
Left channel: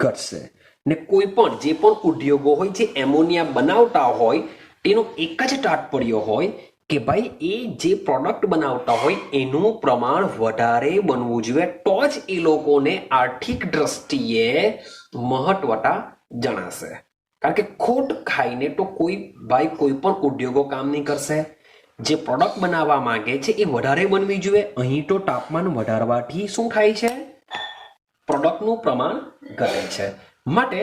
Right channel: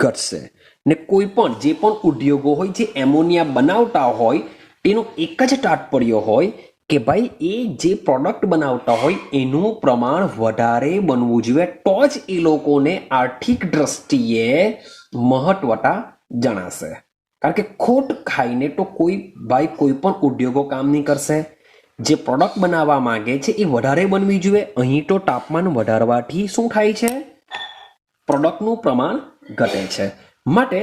ઘટશે. ને કોઈ પણ જે પણ ઉદ્યોગો હોય જે એમોનિયા બનાવતા હોય તેનો એક જ તાત્પર્ય હોય કે ભાઈ એ જે પ્રોડક્ટ બનાવતા હોય એનું પ્રમાણ વધારે બનવું જોઈએ, તો જ એ લોકોને આર્થિક દ્રષ્ટિએ મહત્વતા જણાશે. કારણ કે ખોટ ખાઈને તો કોઈ પણ ઉદ્યોગો કામ નહીં કરશે. જે પ્રોડક્ટ બનાવવા માંગે છે એ વધારે બનવી જોઈએ. અહીં તો તાપમાન વધારવાથી શું થાય છે? પ્રોડક્ટનું પ્રમાણ ઘટે છે. માટે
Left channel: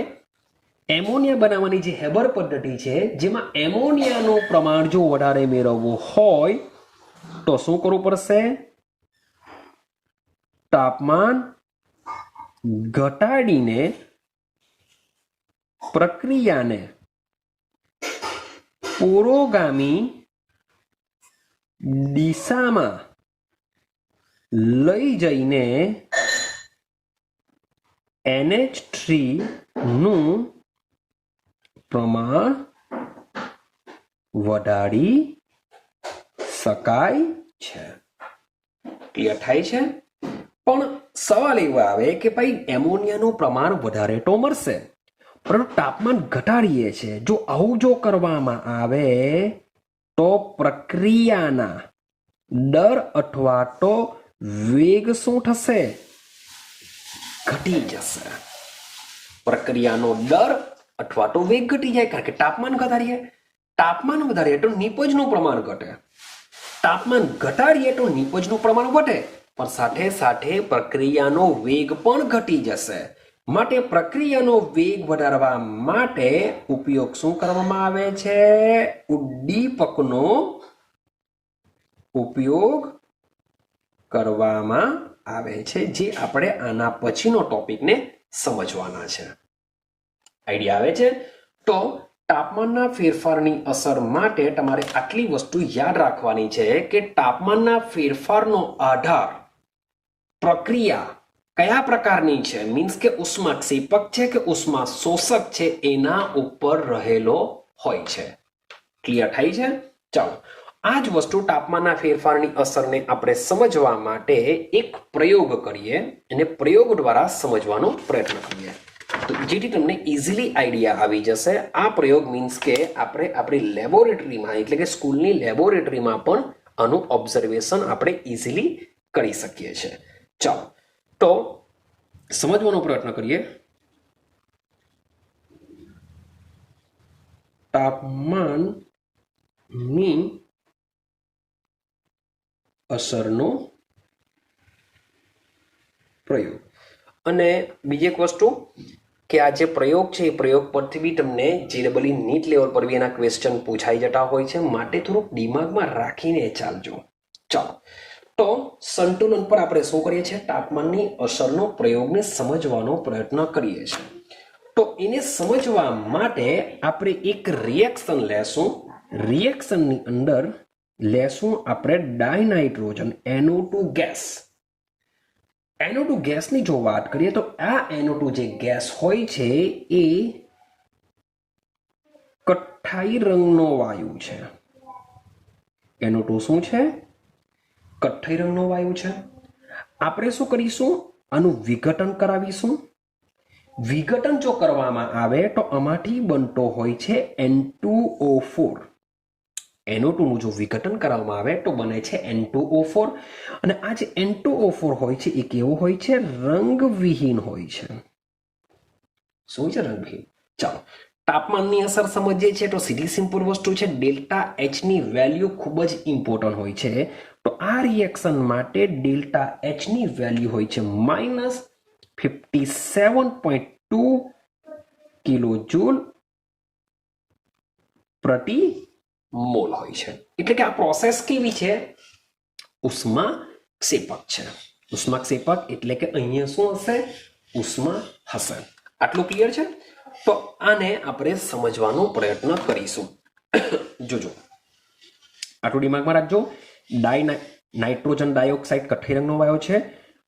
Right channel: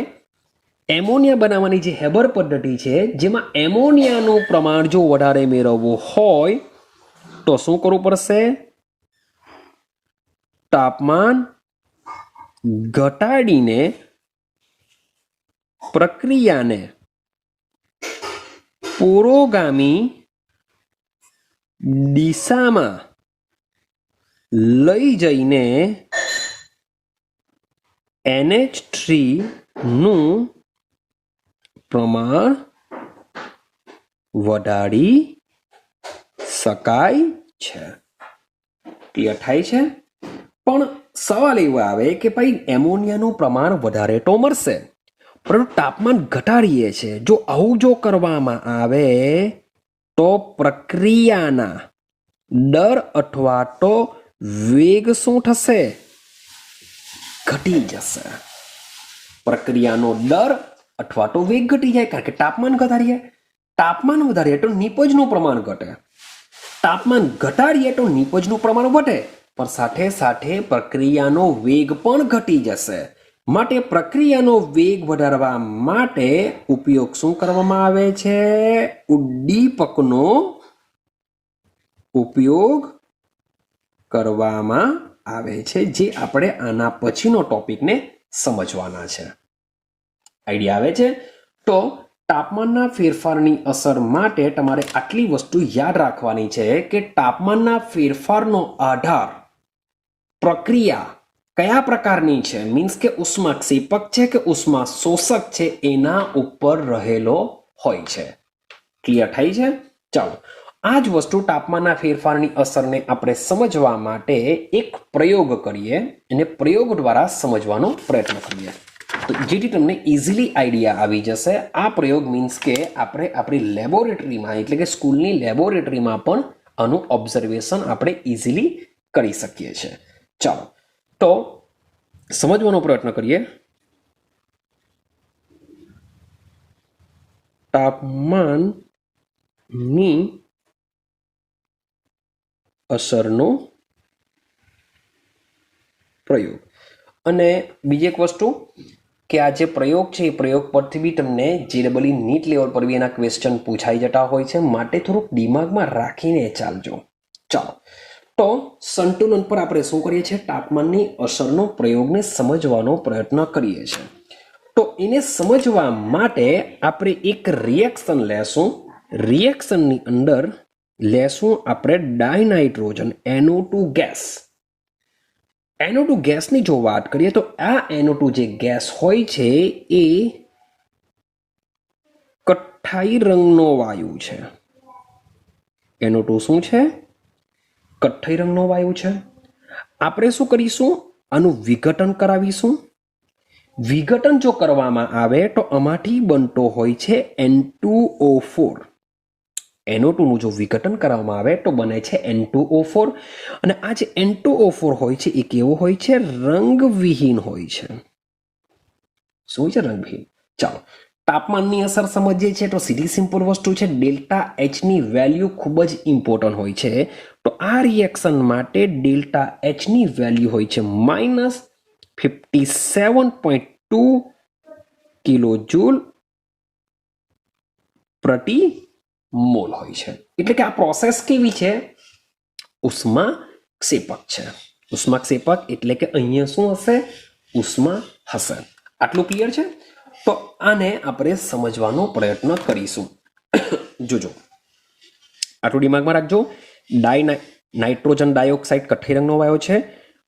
એમોનિયા બનાવવાની જે હેબર પદ્ધતિ છે, જેમાં એમોનિયાનું પ્રમાણ જો વધારે મેળવવું હોય તો શું કરવું પડશે? તાપમાન ઘટાડીને પ્રક્રિયાને પુરોગામી દિશામાં લઈ જઈને NH3 નું પ્રમાણ વધારી શકાય છે. ક્લિયર થાય છે? પણ સવાલ એવો આવે કે ભાઈ એમોનિયાનું પ્રમાણ વધારે તો મળશે, પરંતુ તાપમાન ઘટાડીએ છે. જો આવું જો કરવામાં આવે તો પ્રક્રિયાના દર અથવા તો વેગ શું થશે? ઘટી જશે. પ્રક્રિયાનો દર अथवा तो वेग घटी जाए कारण के तापमान घटाड़ीए। तापमान वधारीए तो निपजनुं प्रमाण घटे, तापमान घटाड़ीए तो निपजनुं प्रमाण वधे, पण साथे साथे प्रक्रियानो वेग पण घटी जशे। माटे प्रक्रियानो वेग वधारवा माटे उपयोग शुं करवामां आवे छे? उद्दीपकनो उपयोग करवामां आवे छे, जे आपणे आना पछीनो टॉपिकने समजवाना छे। आइडिया आवे छे? तो तापमानना फेरफाરની અસર માટે તમારે આટલી વસ્તુ યાદ રાખવાની છે કે તાપમાનના ફેરફારનો આધાર પ્રક્રિયા કયા પ્રકારની છે, મીન્સ કે ઉષ્માક્ષેપક છે કે ઉષ્મા શોષક છે એના ઉપર રહેલો હોય છે। ક્લિયર થાય છે? ચાલો આ જ વસ્તુ તાપમાનના ફેરફારની અસરને આપણે સમજવા માટે એક પ્રયોગ કરીએ અને પ્રયોગ દ્વારા સમજવાનો પ્રયત્ન કરીએ તો જેથી તમને ઇઝીલી આઈડિયા આવી જશે। આ પ્રયોગ મીન્સ કે આપણે આપણી લેબોરેટરીમાં એટલે કે સ્કૂલની લેબોરેટરીમાં પણ આનું ઓબ્ઝર્વેશન આપણે ઇઝીલી કરી શકીએ છીએ। ચાલો તો સમજવાનો પ્રયત્ન કરીએ। તાપમાનની અસરનો પ્રયોગ અને બીજી એક વસ્તુ કે આ જે પ્રયોગ છે એ પ્રયોગ પરથી બી તમને JEE નીટ લેવલ પર બી એના ક્વેશ્ચન પૂછાઈ જતા હોય છે, માટે થોડુંક દિમાગમાં રાખીને ચાલજો। ચાલો તો સંતુલન પર આપણે શું કરીએ છીએ? તાપમાનની અસરનો પ્રયોગને સમજવાનો પ્રયત્ન કરીએ છીએ। તો એને સમજવા માટે આપણે એક રિએક્શન લેશું। રિએક્શનની અંદર લેશું આપણે ડાયનાઇટ્રોજન NO2 ગેસ। NO2 ગેસની જો વાત કરીએ તો આ NO2 જે ગેસ હોય છે એ કથ્થાઈ રંગનો વાયુ છે। NO2 શું છે? કથ્થાઈ રંગનો વાયુ છે। આપણે શું કરીશું? આનું વિઘટન કરાવીશું। વિઘટન જો કરવામાં આવે તો આમાંથી બનતો હોય છે N2O4। NO2 નું જો વિઘટન કરવામાં આવે તો બને છે N2O4 અને આ જે N2O4 હોય છે એ કેવો હોય છે? રંગવિહીન હોય છે। શું છે? રંગવિહીન। ચાલો તાપમાનની અસર સમજીએ છીએ તો સીધી સિમ્પલ વસ્તુ છે ડેલ્ટા એચ ની વેલ્યુ ખૂબ જ ઇમ્પોર્ટન્ટ હોય છે। તો આ રિએક્શન માટે ડેલ્ટા એચ ની વેલ્યુ હોય છે -57.2 કિલોજૂલ પ્રતિ મોલ હોય છે। એટલે કે આ પ્રોસેસ કેવી છે? ઉષ્માક્ષેપક છે। ઉષ્માક્ષેપક એટલે કે અહીંયા શું હશે? ઉષ્મા હશે। આટલું ક્લિયર છે? તો આને આપણે સમજવાનો પ્રયત્ન કરીશું। જોજો આટલું દિમાગમાં રાખજો। નાઇટ્રોજન ડાયોક્સાઇડ કથ્થાઈ રંગનો વાયુ છે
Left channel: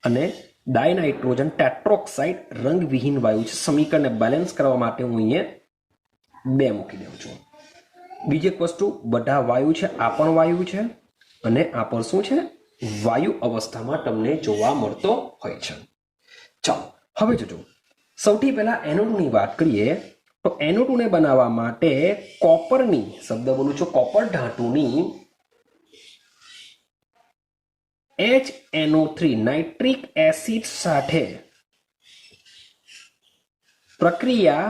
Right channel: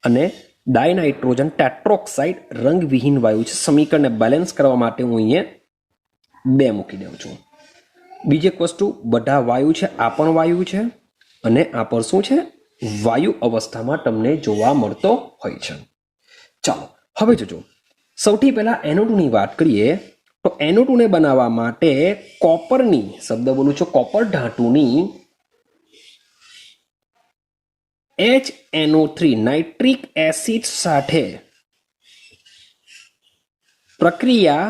અને ડાયનાઇટ્રોજન ટેટ્રોક્સાઇડ રંગવિહીન વાયુ છે। સમીકરણને બેલેન્સ કરવા માટે હું અહીંયા 2 મૂકી દઉં છું। બીજી એક વસ્તુ, બધા વાયુ છે, આ પણ વાયુ છે અને આ પણ શું છે? વાયુ અવસ્થામાં તમને જોવા મળતો હોય છે। ચાલો હવે જોજો સૌથી પહેલા NO2 ની વાત કરીએ તો NO2 ને બનાવવા માટે કોપરની, શબ્દ બોલું છું કોપર ધાતુની HNO3 નાઇટ્રિક એસિડ સાથે પ્રક્રિયા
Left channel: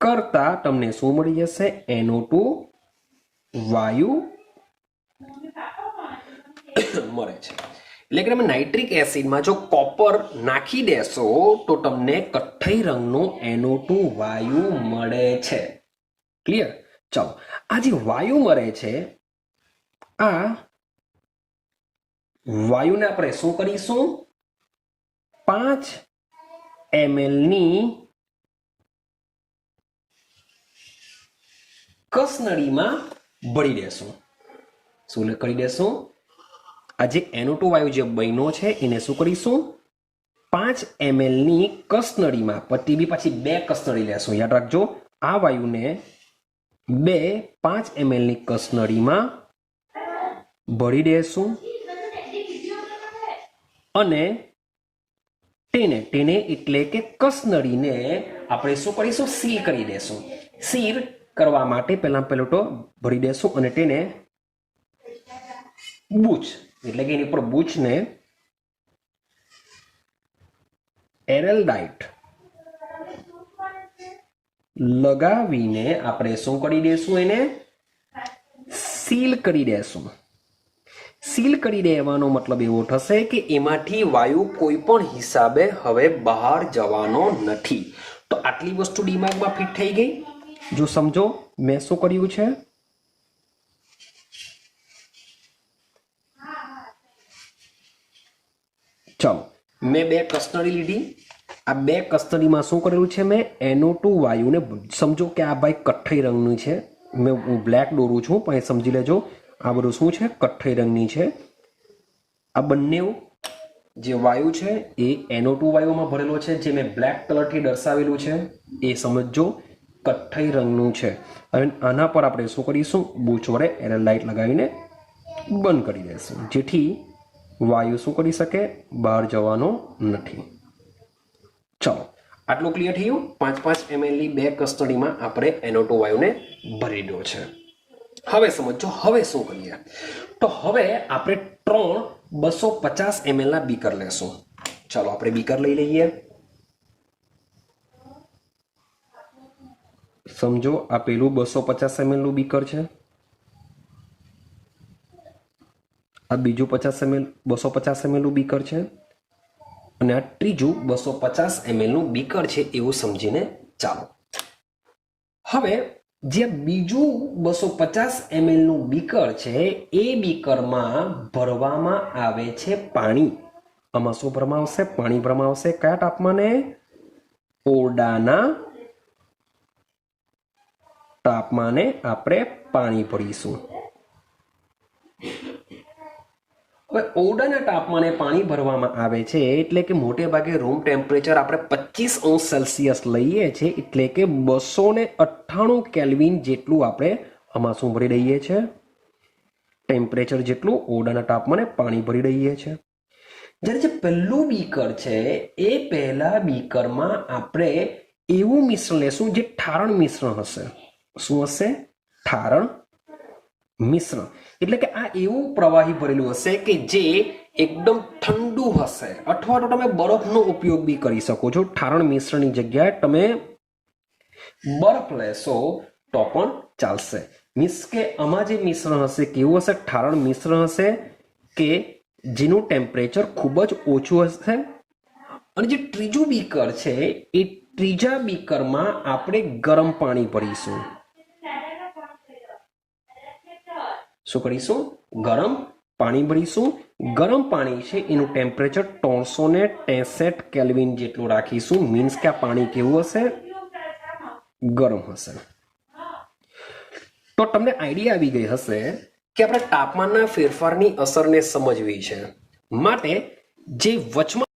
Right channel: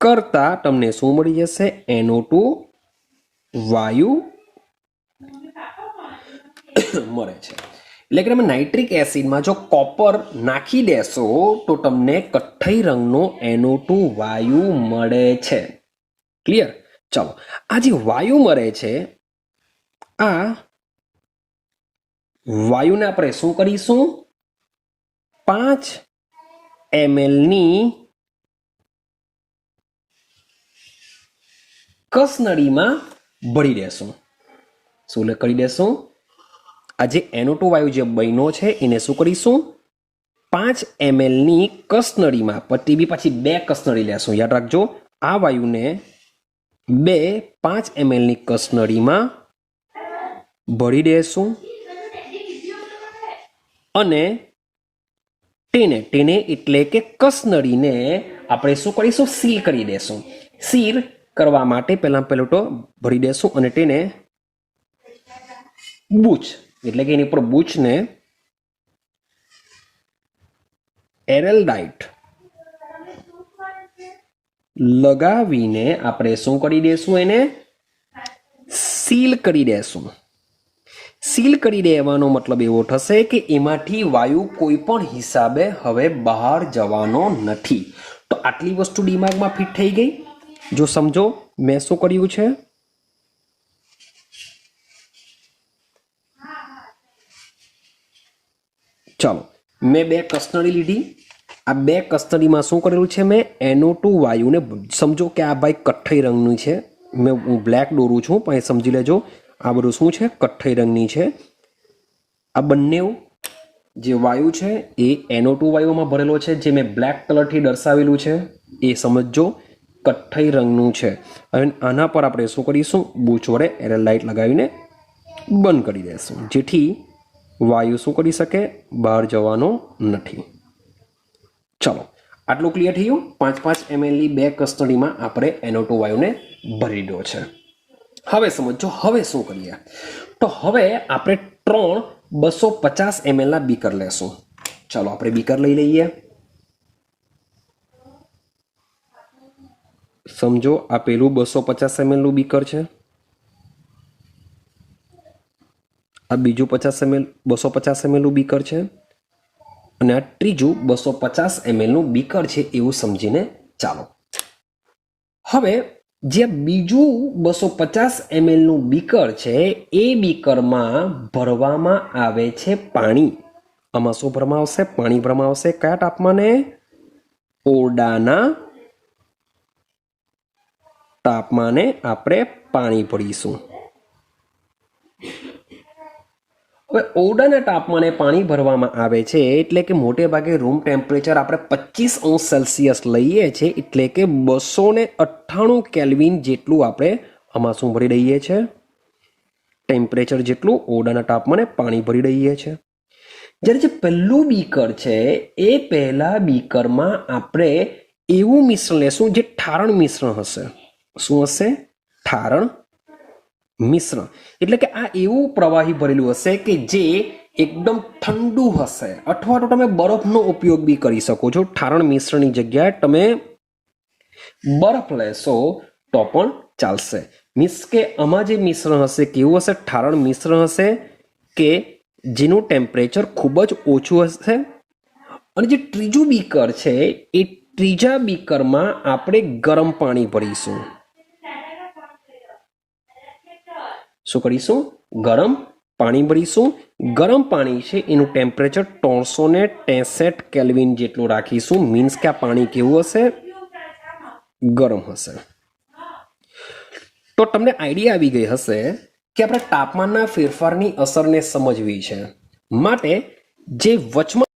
કરતા તમને શું મળી જશે? NO2 વાયુ મળે છે। એટલે કે તમે નાઇટ્રિક એસિડમાં જો કોપર નાખી દેશો તો તમને કથ્થાઈ રંગનો NO2 વાયુ મળે છે। ક્લિયર? ચાલો આ જે વાયુ મળે છે આ વાયુને આપણે શું કરીશું? 5 ml ની કસનળીમાં ભરી દેશું। શું કરી દેશું? આ જે NO2 વાયુ જે બન્યો છે એને શું કરીશું? 5 ml ની કસનળીમાં, પછી 2 કસનળી લેશું। યાદ રાખજો આ વાયુને 5 ml ની કસનળીમાં ભરી દેશું અને તેને એટલે કે કસનળીને આપણે શું કરીશું? સીલ કરી દેશું। સીલ કરવા માટે પહેલું તો ભરી દેશું અને તેને બૂચ એટલે કે એની પર બૂચને એરેલ્ડાઇટ લગાવીને આપણે શું કરી દેશું? એને સીલ કરી દેશું. સીલ કરી દેવાનો મતલબ એવો થશે કે એમાંથી વાયુ કોઈ પણ હિસાબે હવે બહાર જવાનો નથી. તો આટલી વસ્તુ દિમાગમાં ફિટ થઈ ગઈ. જો સમજો મેં શું કર્યું છે. ચાલો, મેં 2 કસ્ટડી લીધી. આ 2 કસ્ટડીમાં શું કરેલું છે? મેં NO2 વાયુને, સમજો કે આ ભાઈ કથ્થઈ રંગની છે, હું બ્લેક દોરું છું પણ એ સમજી લેજો આ બધું શું છે? કથ્થઈ રંગની છે. આ બંને જે વાયુ છે એ NO2 વાયુમાં ભરેલો છે, જે મેં બ્લેક કલરથી દર્શાવેલું છે એ સમજો કથ્થઈ રંગનું છે. હવે આના પર આપણે શું કરીશું? બૂચ વડે એટલે લાઇટ લગાવીને બંધ કરી દઈશું, જેથી વાયુ શું કરી શકે? બહાર જવાનો નથી. ચાલો, આટલું ક્લિયર થયું. 5-5 ml ની 2 કસ્ટડીમાં આપણે NO2 વાયુને ભરી દો છે. હવે સમજો હવે શું કરીએ? તો હવે આપણે 3 250 ml ના બીકર લેશું. ચાલો આપણે બીકર લઈ લઈએ. સમજો આ પેલું 250 ml નું બીકર છે, આ બીજું 250 ml નું બીકર છે, અને આ ત્રીજું 250 ml નું બીકર છે એવું સમજીને ચાલો. હવે જે બીજું 250 ml નું બીકર છે એ બીકરમાં ભરવામાં આવે છે પાણી. આમાં શું ભરવામાં આવશે? પાણી ભરવામાં આવશે. કયા તાપમાને? ઓરડાના તાપમાને આપણે પાણી ભરીશું. હવે ઓરડાના તાપમાને પાણી ભરવામાં આવે છે એટલે કે મોટે ભાગે રૂમ ટેમ્પરેચર આપણે 25°C લઈએ છીએ, એટલે કે 298 કેલ્વિન જેટલું આપણે આમાં શું ભરી દઈએ છીએ? ટેમ્પરેચર જેટલું ઓરડાના તાપમાને પાણી ભરી દઈએ છીએ. જ્યારે જે પહેલું બીકર છે એ પહેલા બીકરમાં આપણે એવું મિશ્રણ લેશું જે ઠારણ મિશ્રણ હશે. શું હશે? ઠારણ મિશ્રણ. એટલે કે આ એવું પ્રવાહી ભરેલું હશે કે જે એકદમ ઠંડુ હશે, અથવા તો તમે બરફનો ઉપયોગ બી કરી શકો છો. ઠારણ મિશ્રણની જગ્યાએ તમે બરફ લેશો તો પણ ચાલશે. મીન્સ કે આમાં જે મિશ્રણ હશે કેવું હશે? ઠારણ મિશ્રણ હશે કે જેનું ટેમ્પરેચર ખૂબ જ ઓછું હશે. અને જે ત્રીજું બીકર છે એ ત્રીજા બીકરમાં આપણે ગરમ પાણી ભરીશું. શું કરીશું? ગરમ પાણી ભરીશું. ગરમ પાણી છે એનું ટેમ્પરેચર 363 કેલ્વિન જેટલું રાખીશું. મીન્સ કે આ પાણી કેવું હશે? ગરમ હશે. તો તમને આઈડિયા આવી ગઈ હશે કે આપણે તાપમાનના ફેરફારની અસરને સમજવી છે. માટે જે વચમાં